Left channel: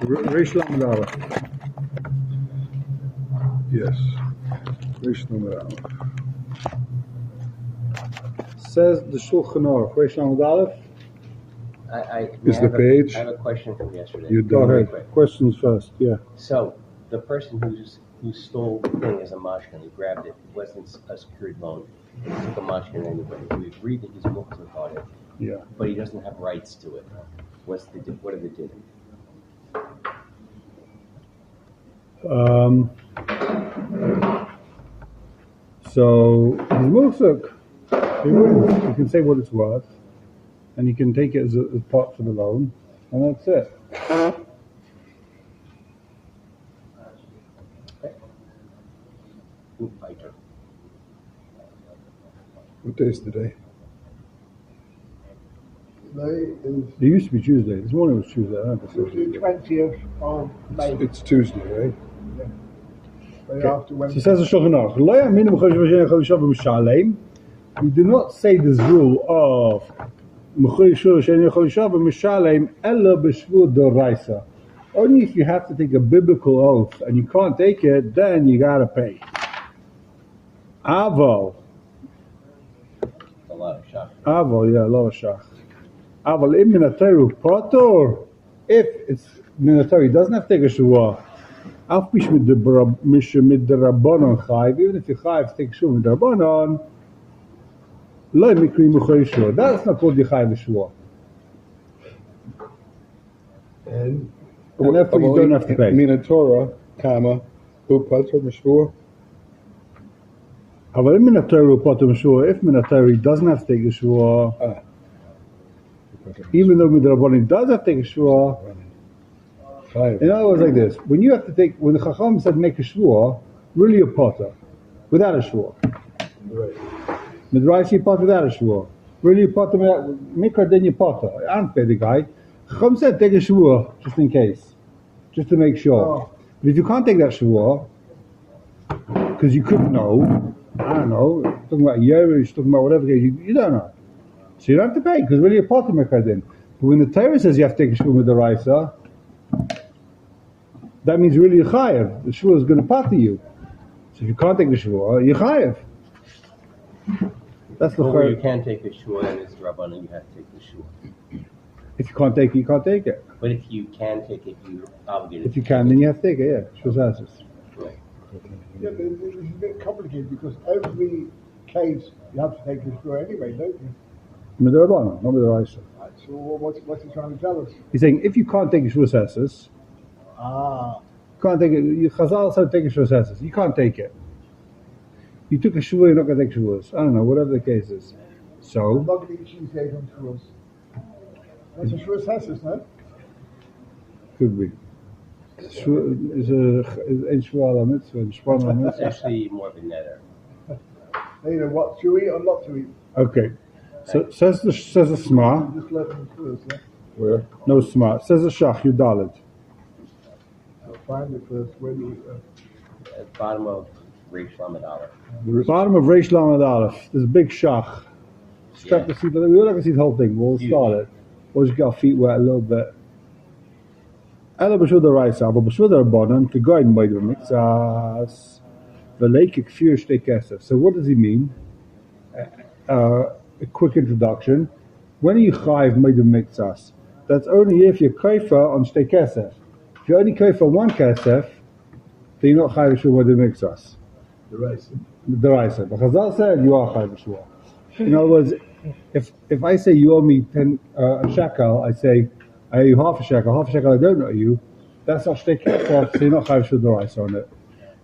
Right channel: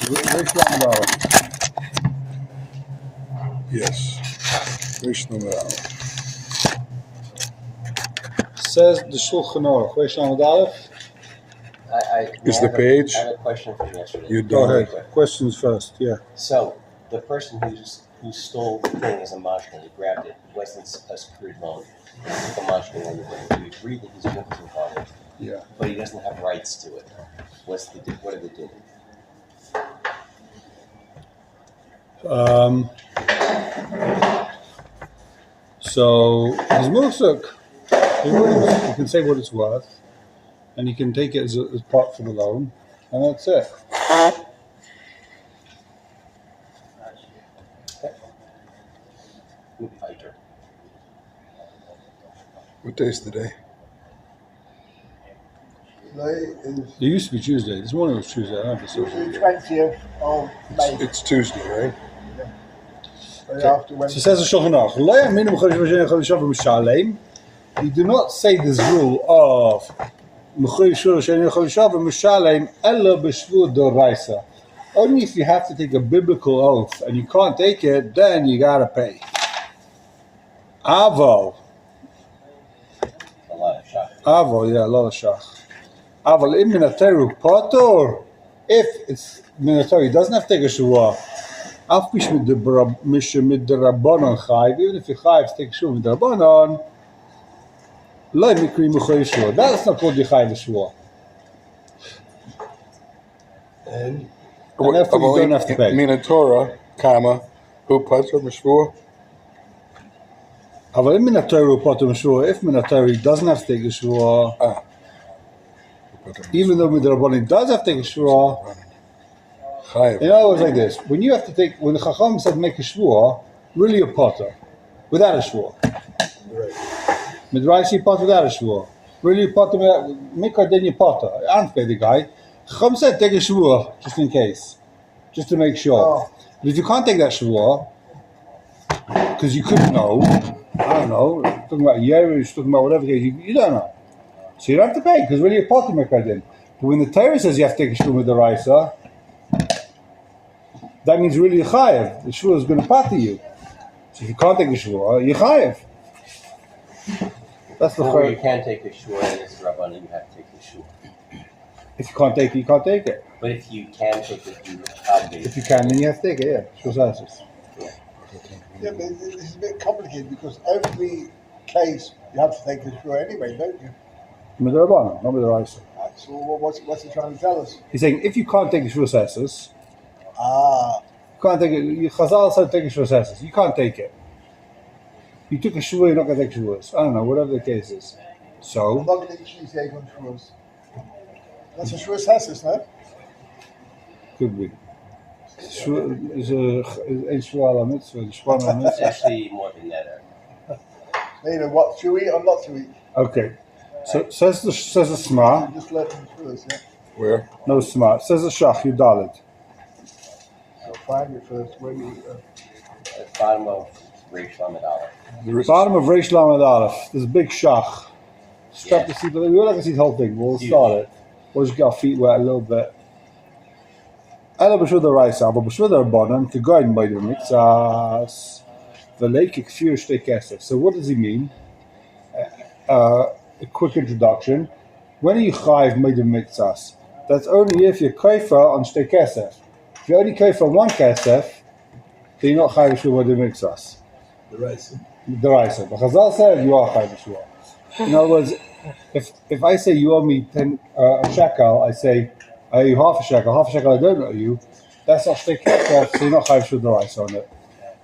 Reish Lamed Aleph. Yes. Reish Lamed Aleph. Says the Shulchan Aruch. Reish Lamed Aleph. Is the page? I have a question from yesterday. You Go done ahead. Questions first. Yeah. So the person who stole the thing as a mashkin, he grabbed it. It wasn't a secured loan. He took a mashkin and we agreed that he's working on it. Yeah. But he doesn't have rights to it. What are they doing? So his Musuk, he can say what it's worth, and he can take it as part for the loan, and that's it. Fighter. What day's today? Today is It used to be Tuesday. This morning was Tuesday. I don't know if it's the Tuesday. 20th of May. It's Tuesday, right? Day after So Wednesday. says the Shulchan Aruch. You do not say this rule of only if you have to take a biblical oath and you can't take it, then you gotta pay. Aval. A lot of shock. Aval, yeah, a lot of shach. Aval im minateru pator. If it's minateru, he doesn't have to take a shua. Af pish mid the rabbanon chayv. Even if you chayv to take a shua mid the rabbanon, lo mikri muchoy shua. That's not called yichayv shua. And therefore you don't have to pay. Minatora, comma, who puts or mishvur? Aval im minateru pator shua. If minateru doesn't have to take a shua, even though mid the rabbanon does have to take a shua. Chayiv. In other words, like this: when you have to take, when the Chacham said make a shvua, really you're potter without a shvua. Midrash you potter without a shvua. Really you potter make her then you potter. I don't pay the guy. Chacham said take a shvua just in case, just to make sure. Oh. But if you can't take that shvua, because you couldn't know, I don't know, talking about Yerush, talking about whatever, you don't know, so you don't have to pay because really you're potter make her then. But when the Torah says you have to take a shvua with the Raisa, that means really you're chayev. The shvua is going to pater you. So if you can't take the shvua, you're chayev. That's the Or you first. can take the shua and it's rabban and you have to take the shua. If you can't take it, you can't take it. But if you can take it, you're obligated. If you can, then you have to take it. Yeah, shvua asses. Yeah, but this is a bit complicated because every case you have to take a shua anyway, don't you? With the Rabbanon, not with the Raisa. So what's he trying to tell us? He's saying if you can't take the shvua asses, Ah, you can't take it. Chazal said take a shvua asses. You can't take it. You took a shvua, you're not going to take shvuas. I don't know, whatever the case is. I'm So not going to eat cheesecake on shuas. That's a shua sassis, no? could be. Shvua is a shvua ala mitzvah. Shvua ala It's mitzvah. actually more than that. You know what to eat or not to eat. Okay. So says the Sma. You just learn from shuas, yeah? Where? No Sma. Says the Shach Yudalit. I'll find it first. Where do you At the bottom of Reish Lamed Aleph. Bottom of Reish Lamed Aleph. This big Shach. Strap the seat. We all like to see the whole thing. We'll start it. We'll just get our feet wet a little bit. Ela b'shvud ha'raisa, but b'shvud ha'rabbanan k'goyin b'aydu mitzas v'leik k'fir shtei kesef. So what does he mean? A quick introduction. When are you chayiv b'aydu mitzas? That's only if you're kaifa on shtei kesef. If you're only kaifa on one kesef, then you're not chayiv b'shvud b'aydu mitzas. The raisa. But Chazal said you are chayiv b'shvud. In other words, if I say you owe me a shekel, I say I owe you half a shekel I don't owe you. That's not shtei kesef, so you're not chayiv b'shvud d'oraisa on it.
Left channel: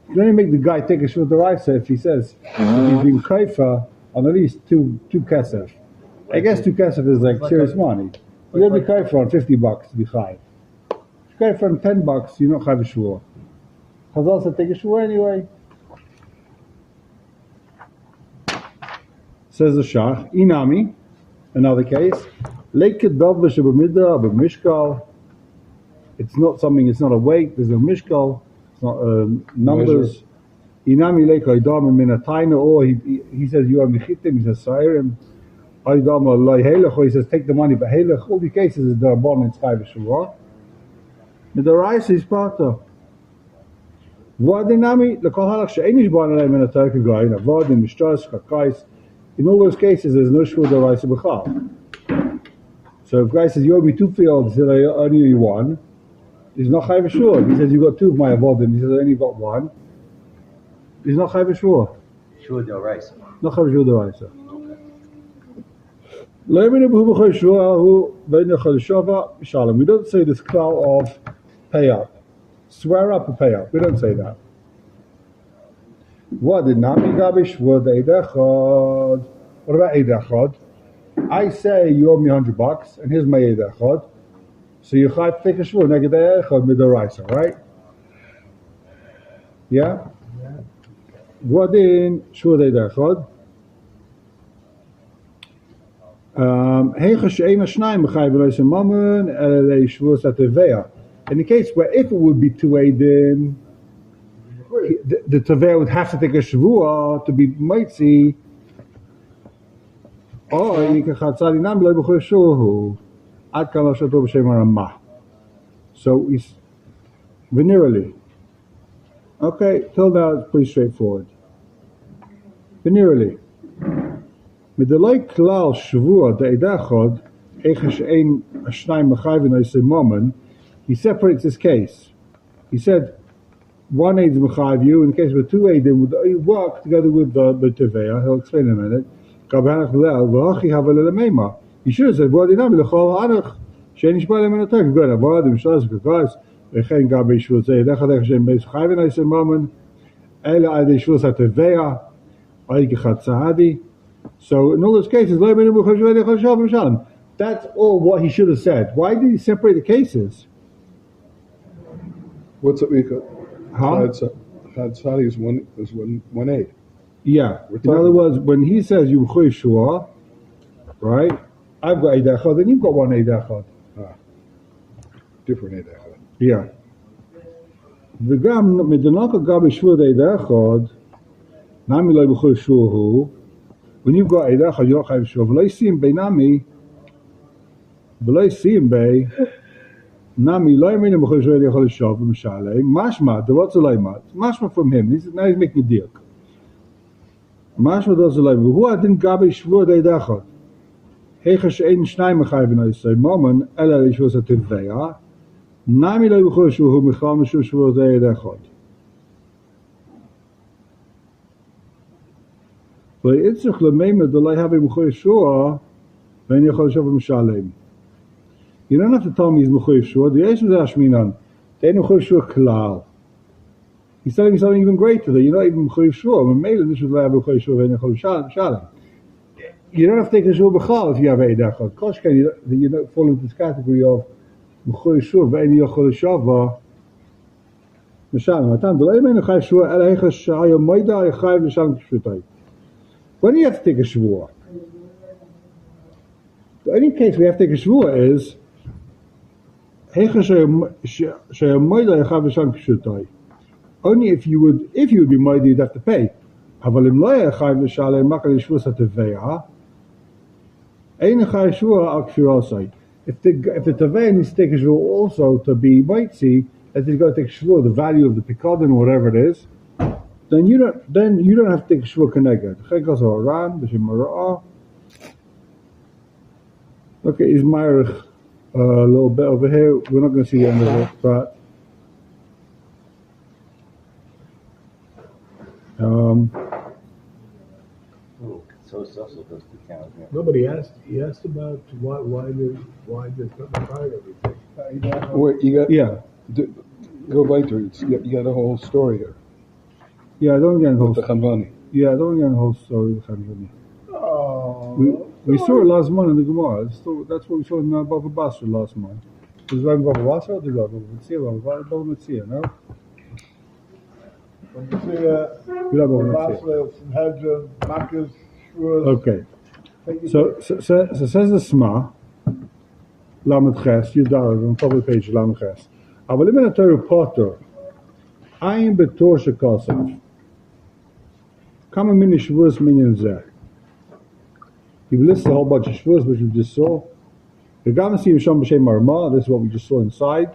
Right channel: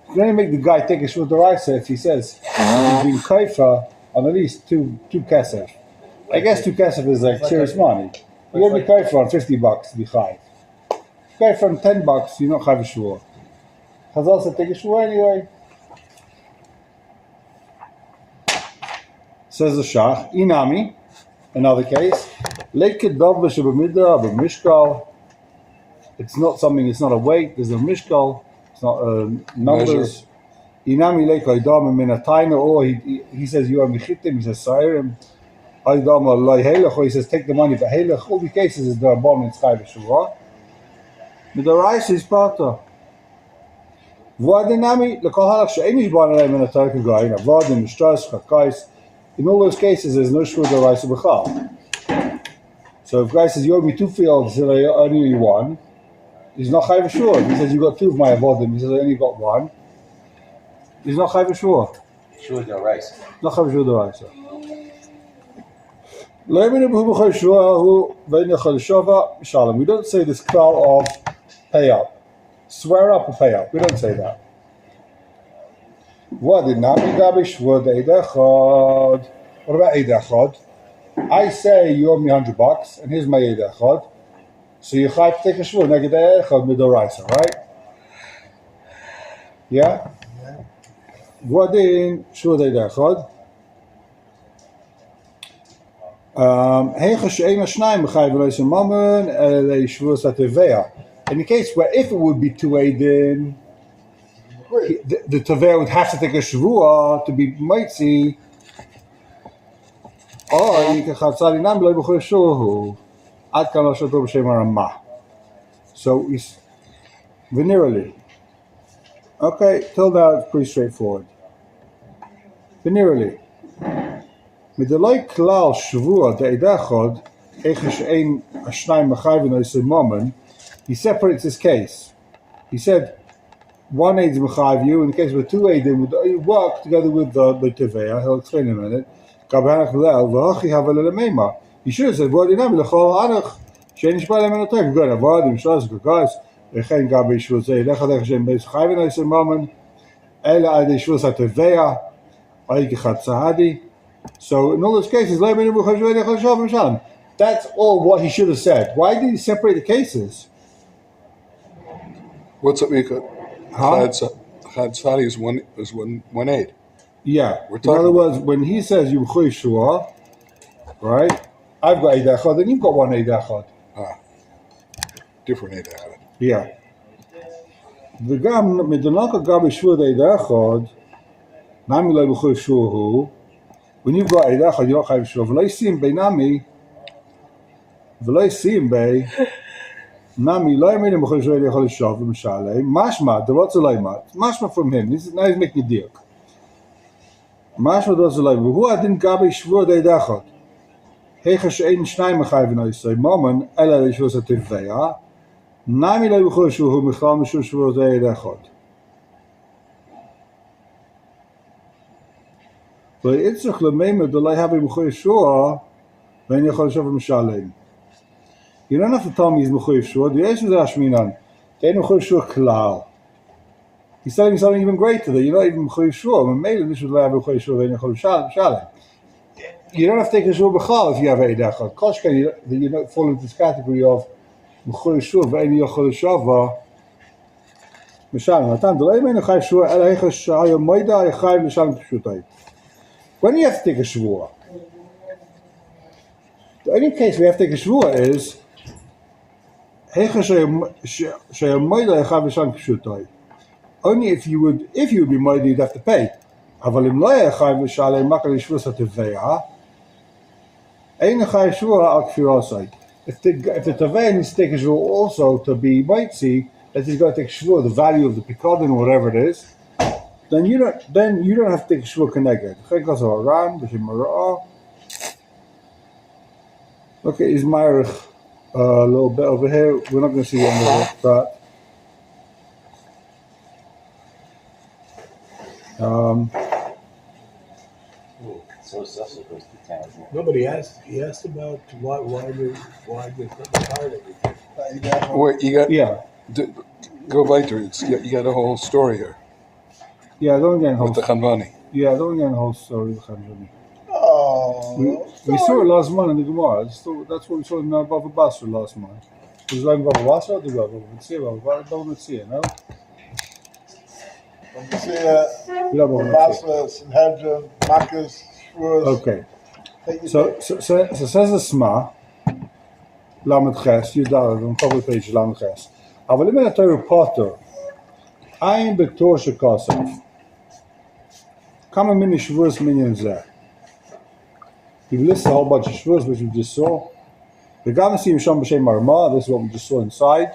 You can only make the guy take a shvud d'oraisa if he says if he's been kaifa on at least two kesef. I guess 2 kesef is like serious money. You owe me kaifa on $50 to be chayiv. Kaifa on $10, you're not chayiv b'shvud. Chazal said take a shvud anyway. Says the Shach, Inami, another case, it's not something, it's not a weight, there's no mishkal, it's not numbers. Inami leika idam minataina, or he says you are mechitim, he says sairim. Idam loy helech, or he says take the money for helech. All the cases is the rabbanon it's chayiv b'shvua. מדרייס is פאטר. Vodinami, the Kohalak Shanish Bonnet and attack a guy, a Vodin, Strauss, Kakais. In all those cases, there's no Shur the Rice of Bachal. So if guy says, you owe me 2 fields, I only need 1, he's not Chayv Shur. He says, you got 2 of my Avodim, he says, I only got 1. He's not Chayv Shur. Shur del rice. Not Chayv Shur the Rice. We don't say this cloud of pay up. Swear up or pay up. We don't say that. What did not be gabish? What about Eidachod? I say you owe me $100 and here's my Eidachod. So you have to take a shvur neged Eidachod with the rice, right? Yeah? What in shvur Eidachod? In the case where if it would be 2 Eidin, the Taveh would have to take a Shavua to be Maitzi, or you can have Salinam Lo B'Chol Shuhu, Ad Kan Lo Shoto B'Shem Ramah. So it's venerally. Okay, till now it's pretty straightforward. Venerally. With the like Klal Shavua, the Eidachod, Echesh Ein Ashnai Machayvin Oisei Momen, he separates his case. He said, 1 aid is mechayiv you. In the case where 2 aidim would work together with the teveya. He'll explain in a minute. He should have said, "V'odinami l'chol anach sheinish b'alem enotek." Good. Avodim shlas guys. V'chein gabi shvus eidechad echshem beis chayvin oisem mamen. Ela adei shvus hateveya. Ayikachat sahadi. So in all those cases, that's all what he should have said. Why did he separate the cases? What's up, Mika? Chad Sadi is one aid. Yeah. In other words, when he says you shua, right? I've got eid echad, and you've got 1 eid echad. Different aid echad. Yeah. וגם מדונק גם בשיעור eid echad, נמי לא בכל שיעור הוא. When you've got eid echad, you don't have שיעור. ולא ישים בי נמי, ולא ישים בי. Nami lo yamin b'chol shvei yachol shav v'mishalei. Mashma derotz loymat. Mashma from him. Now he's making a deal. Mashma derotz loymat. Who adin gabi shvur deidachot? Heicha she'ein shnai mechayvin oisei momen ela leishvur sativveya. Nami lo b'chol shvur michal mishur shvur deidachot. V'yitzrich l'meimed d'loi habi b'chol shvur v'en yachol shav v'mishalei. You don't have to tell me he's Mechuyev Shua. The Yeshu Zashminan. They ain't Mechuyev Shua Klal. He's telling me something even greater, that you're not even Mechuyev Shua. When Mele, this should have Mechuyev Shua, and Mechuyev Shalem. You don't have to take a Shua B'chal if you have Eid Echad. Koshken, you don't fall into this category of Mechuyev Shua, Ve'eni Yochol Shava. Mishalem. Natan, the Le'emen Mechuyev Shua, Ela Hechash Sha'ayom Moida, Echayev Mishalem Pshutai. When do you have to take a Shua? The only case we have to take a Shua is only if you would be moed, you'd have to pay. If the Taveh needs to take a shvur also to be moitzi, that he's got to take shvur the value of the pikadon or whatever it is, then you don't have to take a shvur keneged. Okay, is Meirich a little bit over here. We're not going to see the end of that. So it's also goes to town. Nobody asked. He asked about why did the card everything. Wait, you got go later. You got a whole story here. Yeah, I don't get the whole with the Chanvani. Yeah, I don't get the whole story with the Chanvani. Oh. We saw it last month in the Gemara. That's what we saw in Bava Basra last month. Was it like Bava Basra or the Bava Mitzia? No? Basra, Sanhedrin, Makkos, Shvuros. Okay. So says the Sma, Lamed Ches, you down on a couple of pages, Lamed Ches. אבל אם אתה רפוטר, אין בתור שכוסף, כמה מיני שבועות מניין זה? He lists a whole bunch of shvurs which we just saw. The Ganasim Shom B'Shem Marma, this is what we just saw inside.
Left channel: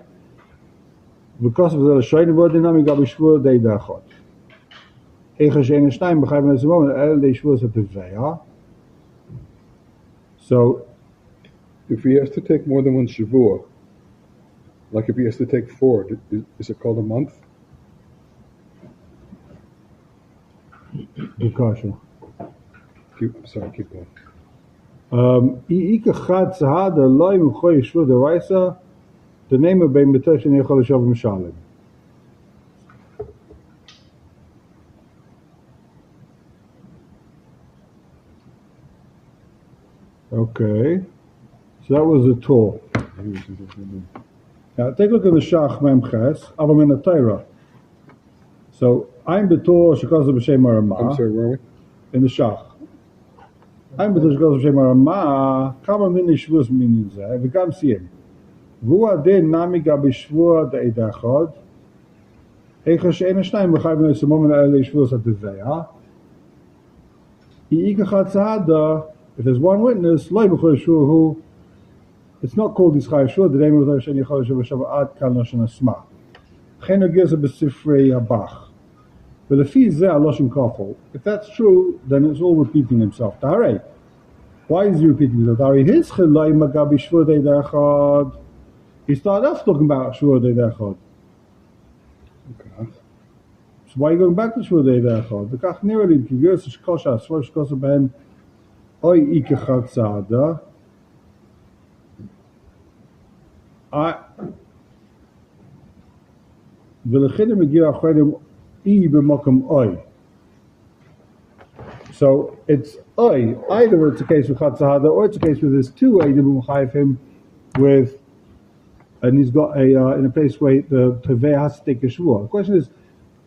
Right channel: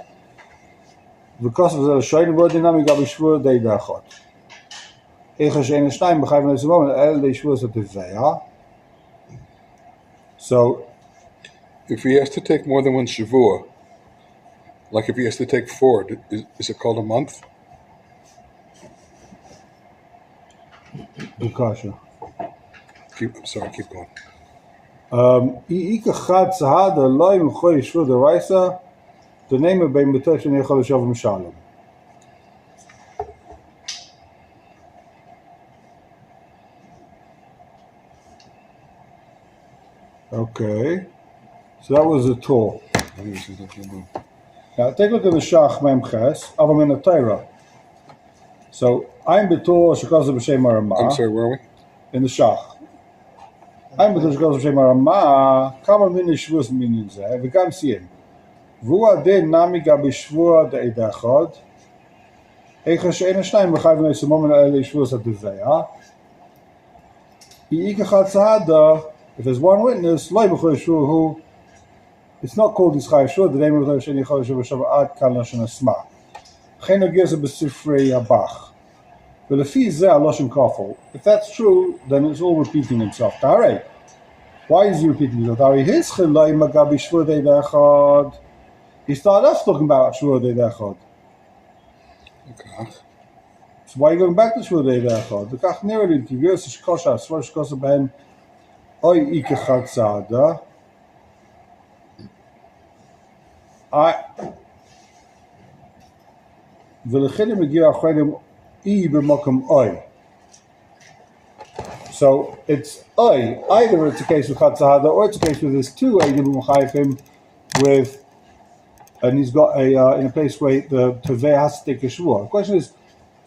because of the shine word dynamic gabi shvur de dachot. Ega shein shnayim b'chayven leis moment el de shvur zat tevea. So If he has to take more than one shavua, like if he has to take 4, is it called a month? good question. I'm sorry, keep going. Ika chad zahad loy m'choy shvur de raisa. The name of bein betech and yechol shav mishalim. Okay, so that was the tool. Now take a look at the Shach Memches, Avam in the Torah. So I'm betul shekaz b'shem Arama. I'm sorry, where are we? In the Shach. I'm betul shekaz b'shem Arama. Kama min shvus min zeh. V'kam siyem. V'hu adin nami gabi shvua de'ed echad. Eicha she'en shnayim b'chayv neis moment ele shvus ha'teveya. Ika chad tzahada. If there's one witness, it's not called Yischai Shur, the name of the Sheni Chalash Shabbat Kan Lashon Asma. Cheno gives a B'Sifrei Habach. But if he's there, Lashon Kafel, if that's true, then it's all repeating himself. Tare. Why is he repeating himself? Tare. His Chelai Magabi Shvur Dei Dechad. He started off talking about Shvur Dei Dechad. Okay. So why are you going back to Shvur Dei Dechad? The Kach Nerelin, Ki Gers Shkosha, Svar Shkosa Ben. Oy ike chatzada. V'lechin megira achayim I b'mokum oy. So it's oy. Either it's a case with chatzada or it's a case with his 2 eidim b'machayim with, and he's got a in a place where the teveh has to take a shvua. The question is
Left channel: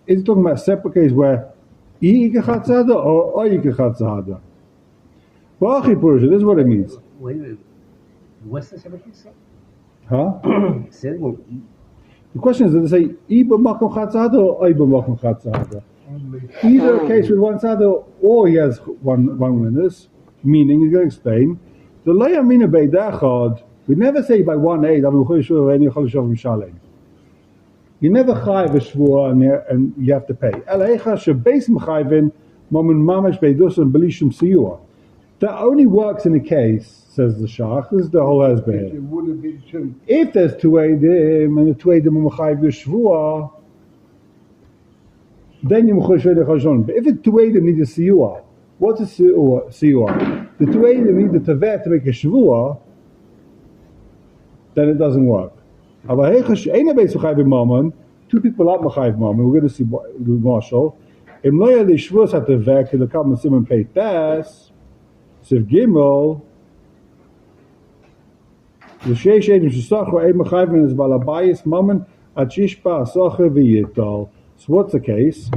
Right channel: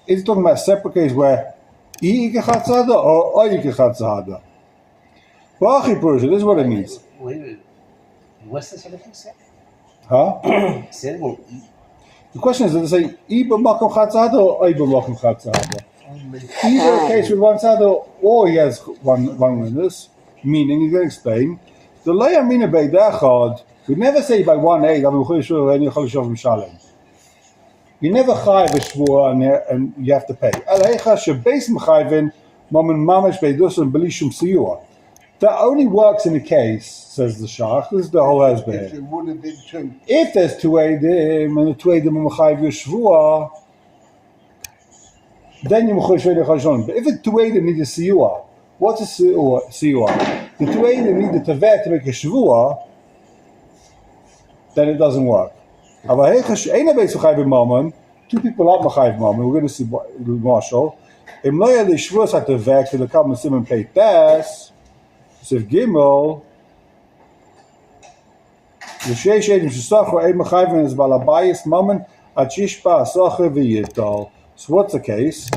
he talking about a separate case where I ike chatzada or oy ike chatzada? This is what it means. Wait. What's this other thing say? Huh? Say it again. The question is, does it say Iba Makom Chatzada or Iba Makom Chatzada? Either a case with one tzada or he has one witness, meaning he's going to explain. The Leia Mina Beidachad, we never say by 1 you never chayiv a shvua and you have to pay. Eleicha shebeis mechayvin mamen mamish beidusam belishum siyua. That only works in a case, says the Shach. This is the whole husband. If it would have been 2. If there's 2 eidim and the 2 eidim are mechayiv yeshvua, then you mechayiv shvei dechashon. But if the 2 eidim need a siyua, what's a siyua? The 2 eidim need the teveh to make a shvua, then it doesn't work. Aber heichash ein beis mechayiv mammon. 2 people are mechayiv mammon. We're going to see Marshall. Im lo yad shvus hat teveh to the kam simon pay tes. Sif Gimel, the Sheish Edim Shesachar Eid Mechayven is Balabayis Mammon Achishpa Asacher V'Yital. So what's the case?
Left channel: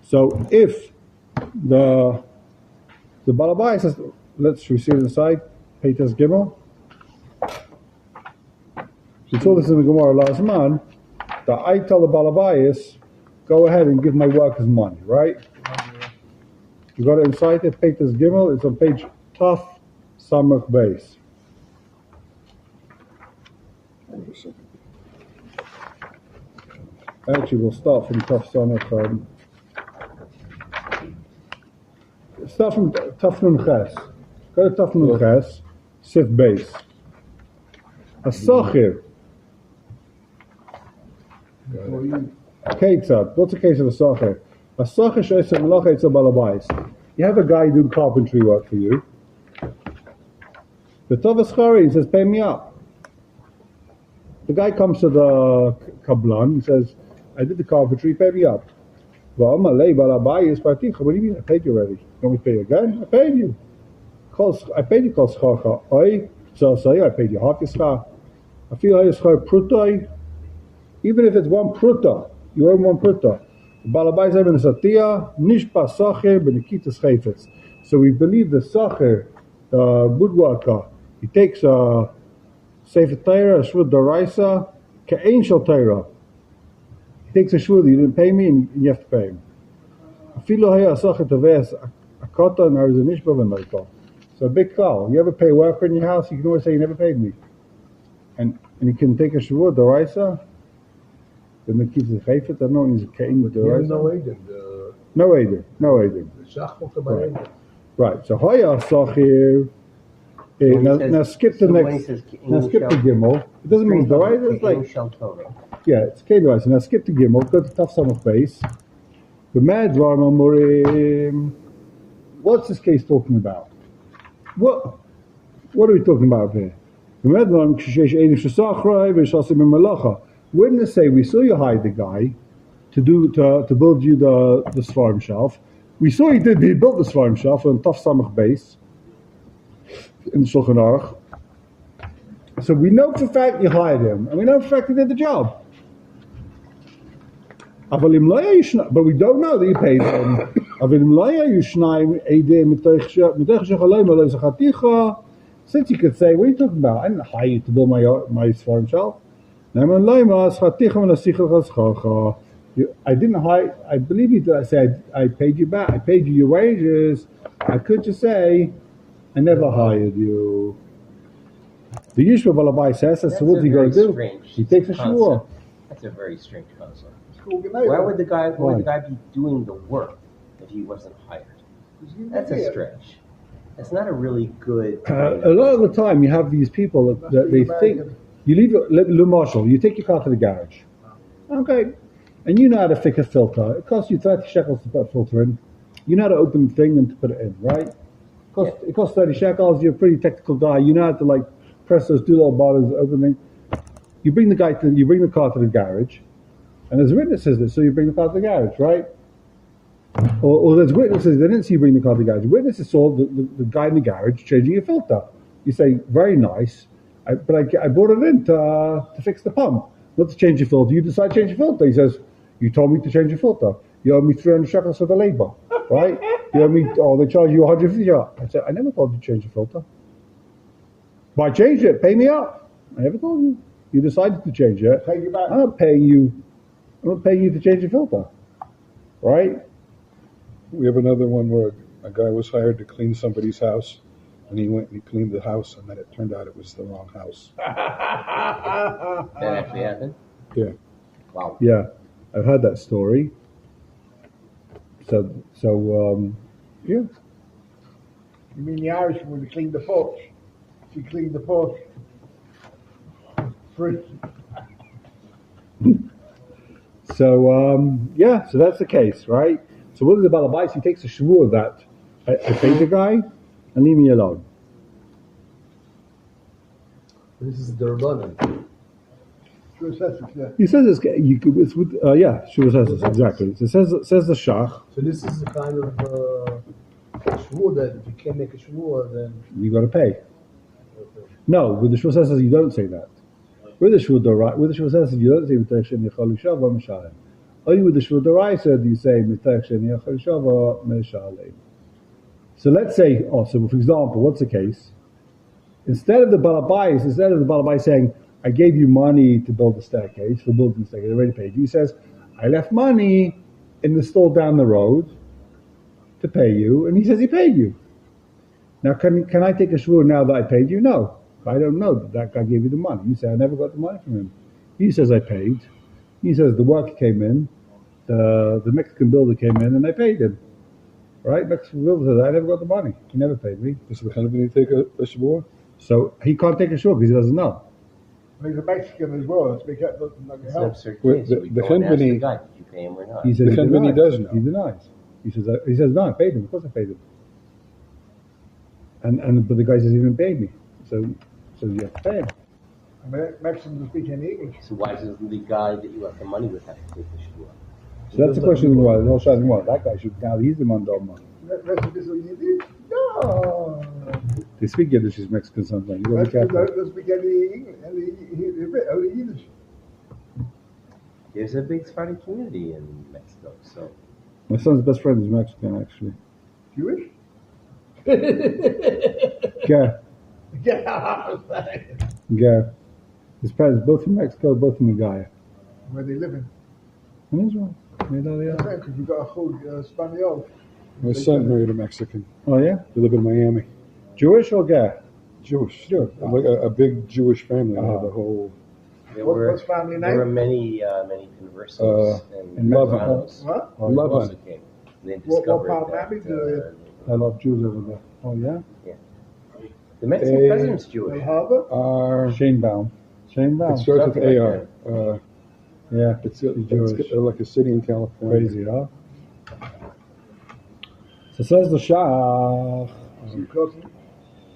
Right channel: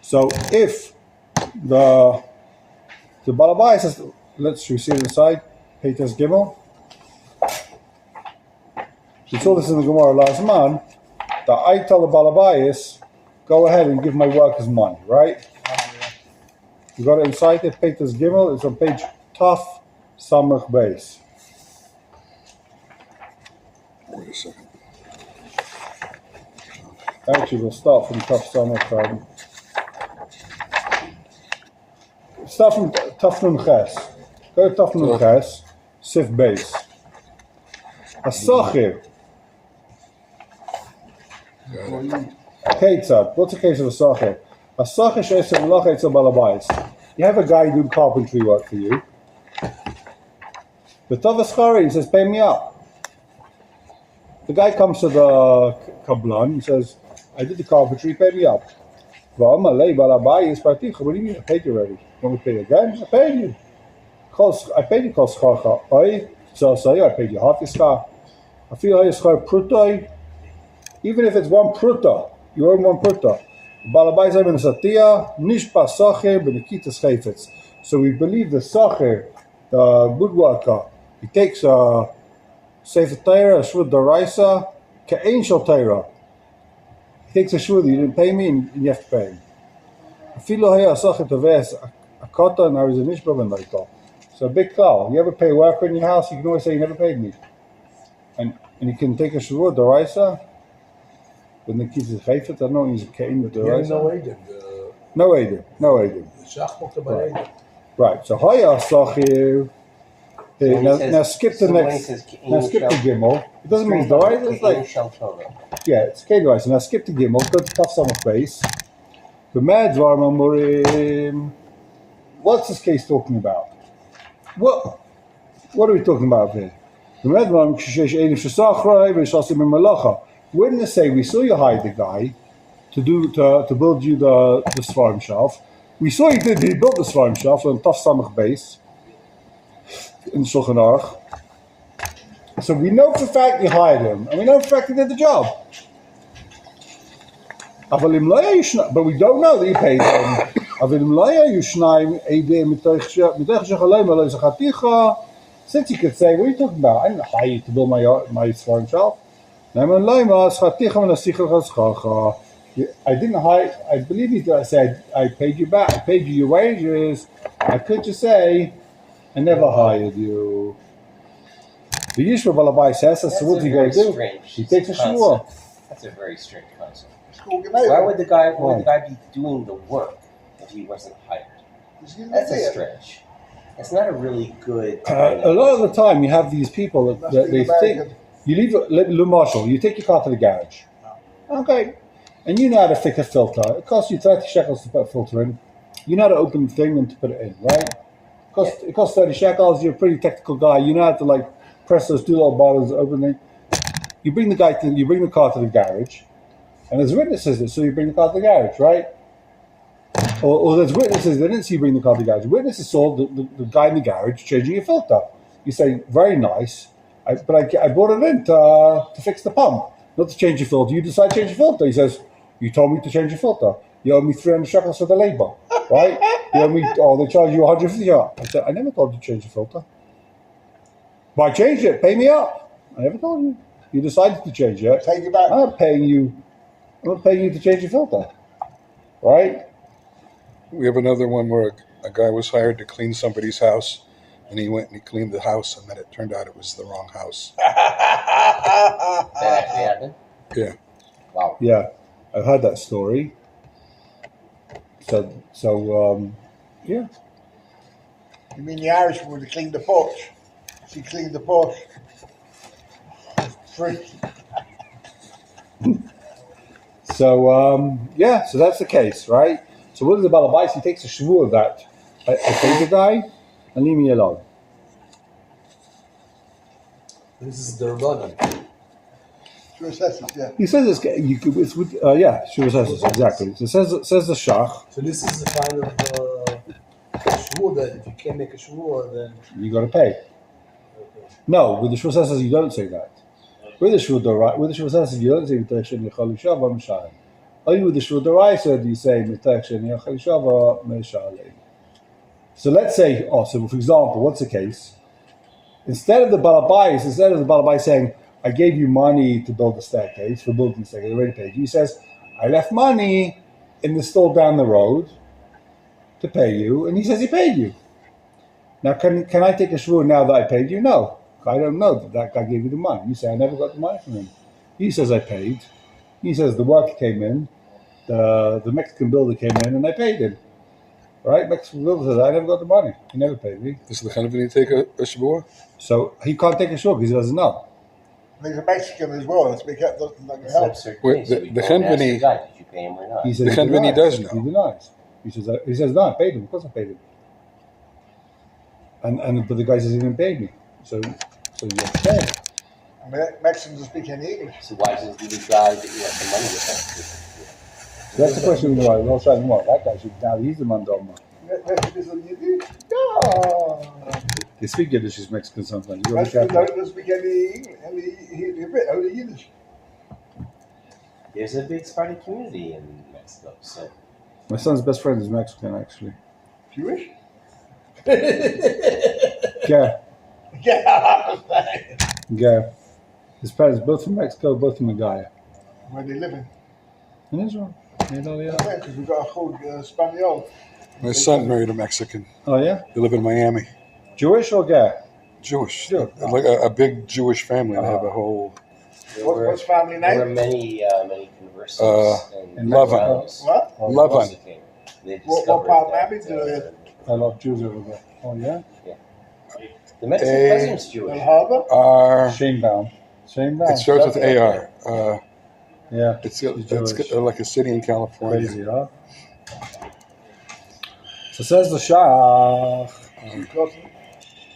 So if the Balabayis is, let's see it inside, Peter's Gimel. We saw this in the Gemara last month. That I tell the Balabayis, go ahead and give my workers money, right? You got it inside there, Peter's Gimel. It's on page Taf Samach Beis. Wait a second. Actually, we'll start from Taf Samach. Start from Taf Nun Ches. Go to Taf Nun Ches, Sif Beis. Asachir. Ketzad. What's the case of a Asachir? You have a guy doing carpentry work for you. The Tovas Chari says, pay me up. The guy comes to the Kablan and says, I did the carpentry, pay me up. What do you mean? I paid you already. You want to pay again? I paid you. I paid you called Schar. So I paid you half your Schar. I feel like Schar Pruta. Even if it's 1 Pruta, you owe 1 Pruta. So we believe the Sacher, the woodworker, he takes a Sefer Torah, a Shvud Daraisa, Ka'ain Shal Torah. He takes a Shvud, you didn't pay me, and you have to pay him. So a big cloud. You ever pay a worker in your house, you can always say you never paid me. And you can take a Shvud Daraisa. When the kids geeft het, dan nog eens geen with the You rice. know Aiden, No Eden. the Shachmota by Right. Aiden. Right. So Haya Sachir. Now skip the next. Now skip the Gimel. It doesn't mean the right. It's like it's Kate rice. Now skip the Gimel. Go to Taf Samach base. The Mad Varma Murim. What's this case talking about? What are we talking about here? The Mad Varma Kshesh Edim Shasachra Vishasim Malacha. Wouldn't they say we saw you hide the guy to build you the Svarim shelf? We saw he built the Svarim shelf on Taf Samach base in the Shulchan Aruch. So we know for a fact you hired him, and we know for a fact he did the job. But we don't know that you paid him. Since you could say, what are you talking about? I didn't hire you to build my Svarim shelf. I didn't hire, I believe you did. I said, I paid you back, I paid you your wages. I could just say, I never hired you. The Yishma Balabai says, so what's he going to do? He takes a shua. That's a very strange concept. Why Why would the guy be doing the work if he wasn't hired? That's a stretch. It's not a really good. A lot of the time, you have these people that they think you leave Le Marshall, you take your car to the garage, okay, and you know how to fix a filter. It costs you 30 shekels to put a filter in. You know how to open the thing and to put it in, right? It costs 30 shekels. You're a pretty technical guy. You know how to like press those two little buttons, open it. You bring the car to the garage, and there's witnesses that saw you bring the car to the garage, right? Or there's witnesses that didn't see you bring the car to the garage. Witnesses saw the guy in the garage changing a filter. You say, very nice, but I brought it in to fix the pump, not to change your filter. You decide to change your filter. He says, you told me to change your filter. You owe me 300 shekels for the labor, right? You owe me, they charge you 150 shekels. I said, I never told you to change your filter. But I changed it, pay me up. I never told you. You decided to change it. Take it back. I'm not paying you to change your filter, right? We have another one where a guy was hired to clean somebody's house, and he went and he cleaned the house, and then it turned out it was the wrong house. That actually happened? Yeah. Wow. Yeah, I've heard that story. So yeah. You mean the Irish woman to clean the porch? She cleaned the porch. Free. So so that's the case, right? So what is the balabais? He takes a shvu of that. I paid the guy, and leave me alone. This is the Rabbanan. Sure says it, yeah. He says it's with sure says this exactly. So it says the shach. So this is the kind of shvur that if you can't make a shvur, then You got to pay. No, with the shvu says you don't say that. With the shvu says you don't say v'teichen yachal yishava m'shalim. Only with the shvu d'oraisa do you say v'teichen yachal yishava m'shalim. So let's say, so for example, what's the case? Instead of the balabais saying, I gave you money to build the staircase, for building the staircase, I already paid you. He says, I left money in the store down the road to pay you, and he says he paid you. Now, can I take a shvur now that I paid you? No. I don't know that guy gave you the money. You say, I never got the money from him. He says, I paid. He says, the worker came in, the Mexican builder came in, and I paid him. Right? Mexican builder says, I never got the money. He never paid me. Does the Hanvini take a shvur? So he can't take a shvur because he doesn't know. He's a Mexican as well. Let's be careful. That's an absurd Wait, case. the So we go and ask company- the guy, did you pay him or not? He says The he company denies. does know. He denies. He says, no, I paid him. Of course I paid him. But the guy says he didn't pay me. So you have to pay. Mexicans don't speak any English. So why doesn't the guy that you left the money with him? So that's the question. Why? Not trying to that guy should now he's the mandoma. Mexicans don't They speak Yiddish as Mexican sometimes. You gotta be careful. speak only Yiddish. There's a big Sephardi community in Mexico, so My son's best friend is Mexican, actually. Jewish? Yeah, Yeah. yeah. His parents both from Mexico, both from Magaya. Where they living? In Israel. Yeah. Because we've got a whole Spaniel. My son married a Mexican. Oh yeah, They live in Miami. Jewish or gay? Jewish. Sure. Like a big Jewish family. They have a whole What's family There were name? many conversos in and Lavan. Romanos What? who Lavan. also came. They What discovered part that, Miami do they? A lot of Jews over there. Oh yeah. the Mexican president's Jewish. El Harbor? R. Shanebound. Shanebound. It starts with AR. Yeah. It's Jewish. like a city in California. Crazy, huh? So says the Shach.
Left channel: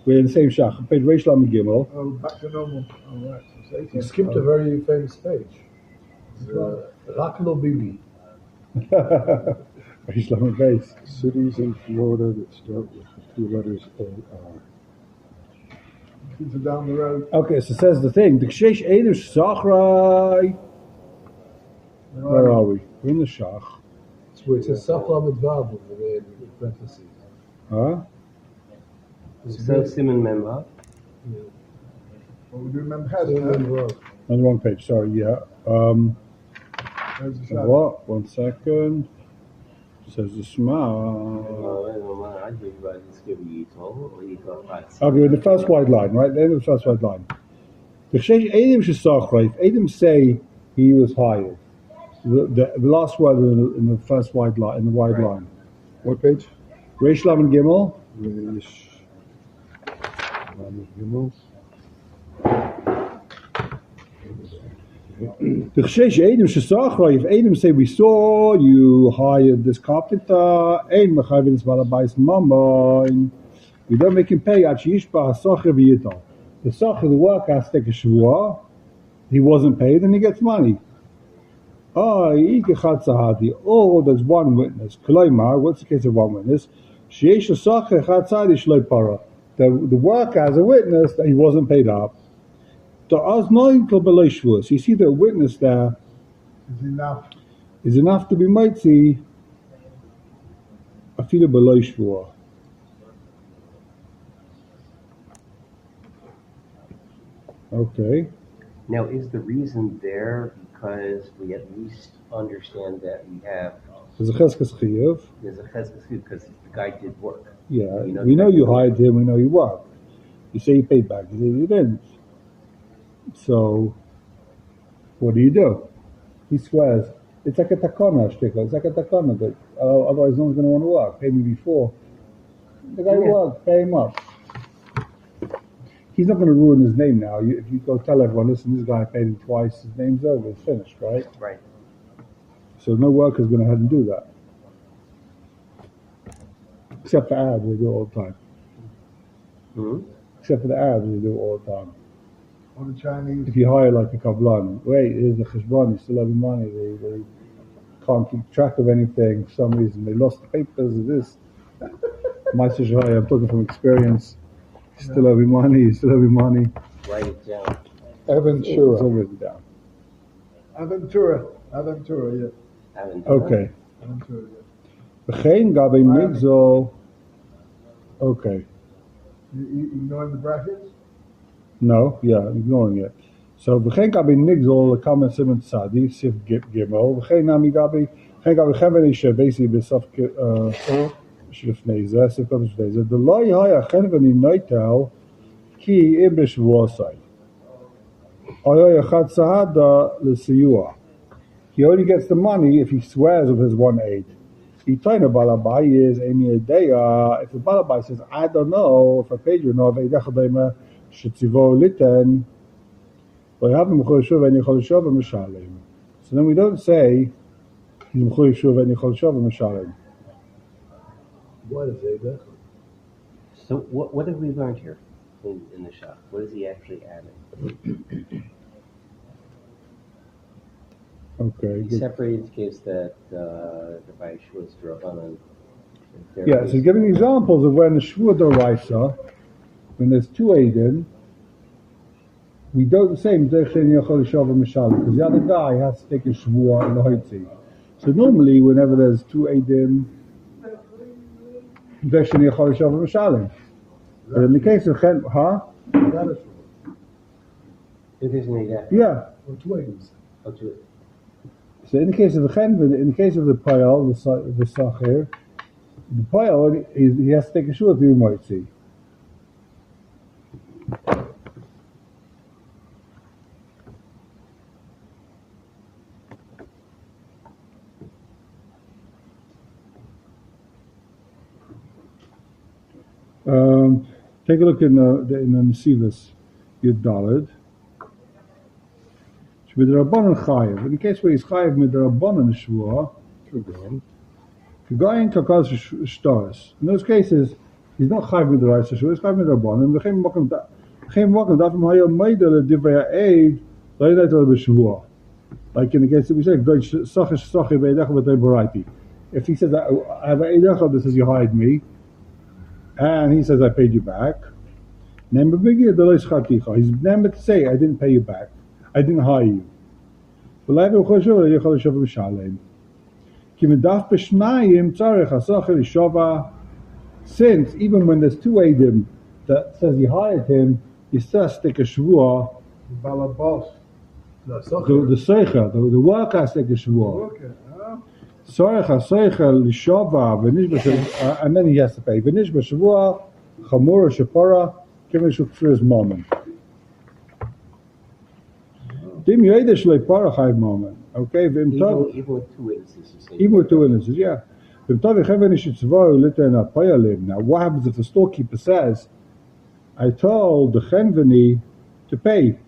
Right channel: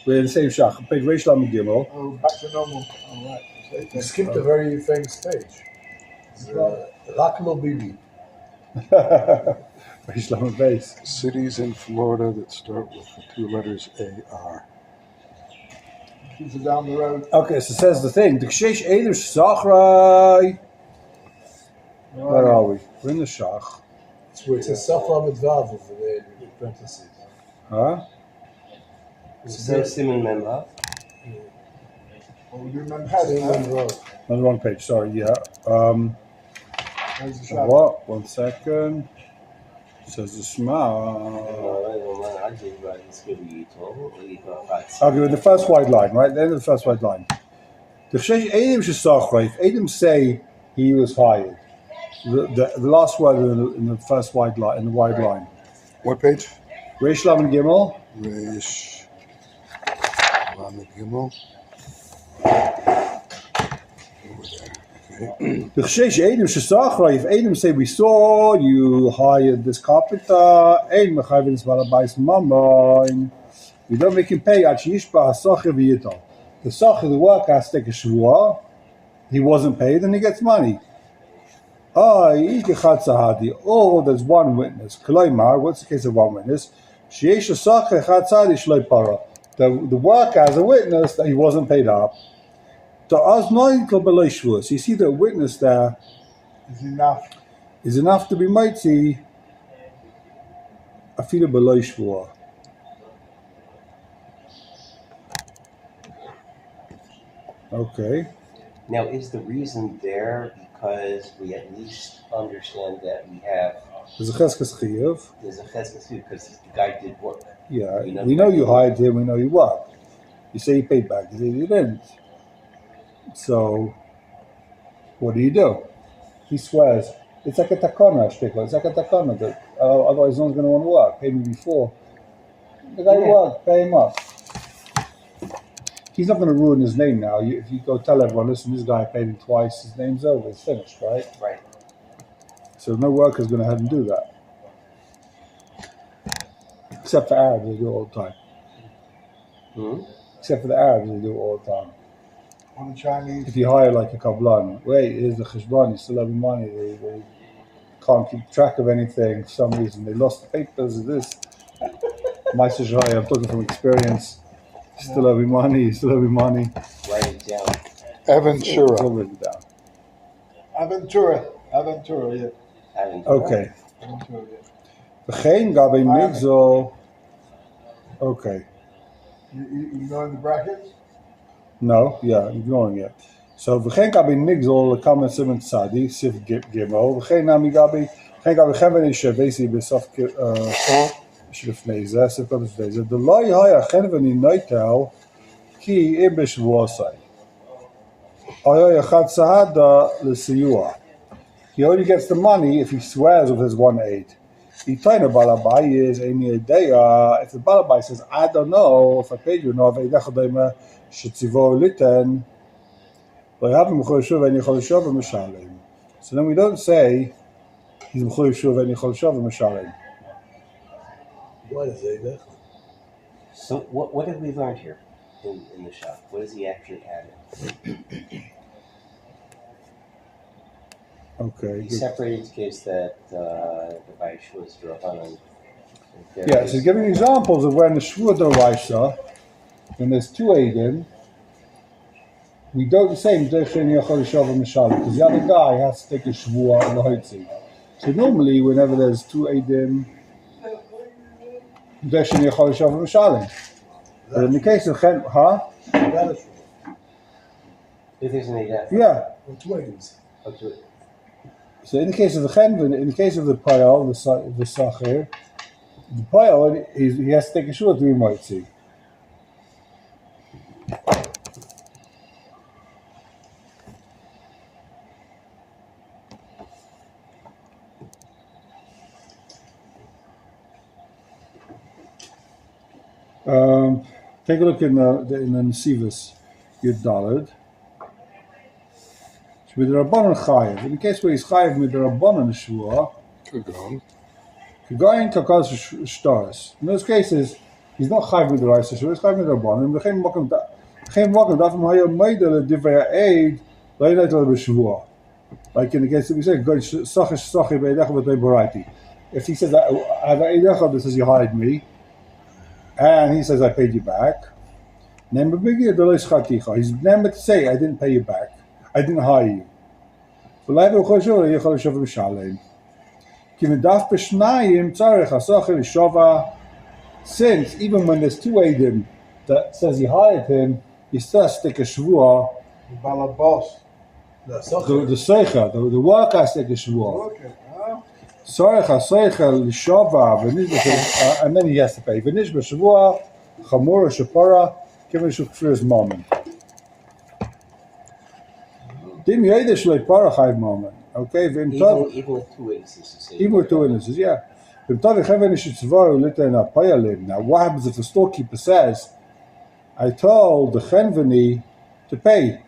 We're in the same Shach. Page Reish Lamed Gimel. Oh, back to normal. All right. You skipped a very famous page. Raklo Bibi. Reish Lamed Beis. Cities in Florida that start with the two letters AR. Keeps it down the road. Okay, so says the thing. The Kshesh Eidim Shachrai. Where are we? We're in the Shach. It's where it says Saf Lamed Vav over there in parentheses. Huh? Simon Memba. What we do remember Same having Lamed that. Vav. On the wrong page, sorry, yeah. There's the shot. What? 1 second. Says the Shema. Okay, with the first white line, right? The end of the first white line. The Kshesh Eidim Shesachra. If Eidim say he was hired, the last word in the first white line, in the white line. What page? Reish Lamed Gimel. Reish Lamed Gimel. The Kshesh Eidim Shesachra. If Eidim say we saw you hired this carpenter, Ein Mechayvin is Balabais Mamon. We don't make him pay. Ad Sheyishba HaSacher V'Yitol. The Sacher, the worker, has to take a shvuah. He wasn't paid, and he gets money. Oh, there's one witness. Koloimar, what's the case of one witness? Sheyesh Sacher Echad Tzadi Shloi Para. The worker has a witness that he wasn't paid up. You see the witness there It's enough. is enough to be mighty. Afilu below shvuah. Okay. Now, is the reason there because we at least understand that we have There's a cheskes chiyuv. there's a cheskes because the guy did work. Yeah, We know we know that. you hired him. We know you worked. You say you paid back. You say you didn't. So, what do? He swears. It's like a takana, shtickle. It's like a takana that otherwise no one's going to want to work. Pay me before. The guy worked. Pay him up. He's not going to ruin his name now. If you go tell everyone, listen, this guy paid him twice. His name's over. It's finished, right? Right. So no worker's going to have him do that. Except for Arabs, they do it all the time. Hmm? Except for the Arabs, they do it all the time. Or the Chinese. If you hire like a kablan, wait, here's the cheshbon, you still have money. They can't keep track of anything for some reason. They lost the papers of this. My Sejai, I'm talking from experience. You still have money, you still have money. Write it down. It's all Aventura. written down. Aventura, yeah. Having Okay. Aventura, yeah. V'chein gabe migzol. Okay. You know in the brackets? No, yeah, I'm ignoring it. So v'chein gabe migzol kamen semen tzadi sif gimel v'chein nami gabe v'chein gabe cheven shavesi b'saf שלפני זה, ספר לפני זה, דלא יהיה אכן ונינויטל כי אם בשבועסי. היה אחד סעדה לסיוע. He only gets the money if he swears with his one aid. Itaino balabai is any idea. If the balabai says, I don't know if I paid you enough, idachadema shetzivo liten. So then we don't say he's mchuyev shuv and yichol shuv v'mishalem. What is it? So what have we learned here in the shop? What has he actually added? Okay. He Good. separated the case that the Baish was Rabban. Yeah, so he's giving examples of when the Shvua Doraisa, when there's two Aiden, we don't say because the other guy has to take a Shvua and the Hotzi. So normally, whenever there's two Aiden, but in the case of Chen, huh? If there's an Eidah. Yeah. So in the case of the Chenvin, in the case of the Payal, the Sacher, the Payal, he has to take a Shvua to be Motzi. Take a look in the Nesivus Yud Daled. With the Rabbanon Chayiv. In the case where he's Chayiv with the Rabbanon Shvua, Kagayin Kakaz Shtaris. In those cases, he's not Chayiv with the Raisa Shvua, he's Chayiv with the Rabbanon. V'chein Mokum Dafim Hayom Meidel Divrei Eid Leilat Al B'Shvua. Like in the case that we say, Sachish Sachi Be'edecha V'tei Baraiti. If he says that I have an Eidecha that says you hired me, and he says I paid you back, he's never to say I didn't pay you back. I didn't hire you. Since even when there's two Eidim that says he hired him, he still stick a shvua. The seicha, the worker has to take a shvua. And then he has to pay. V'nish b'shvua chamura shapara kivin shukfir's moment. Dim yoyde shlei para chayv moment. Okay, Even with two witnesses. Even with two witnesses, yeah. Now, what happens if the storekeeper says, I told the chenveni to pay?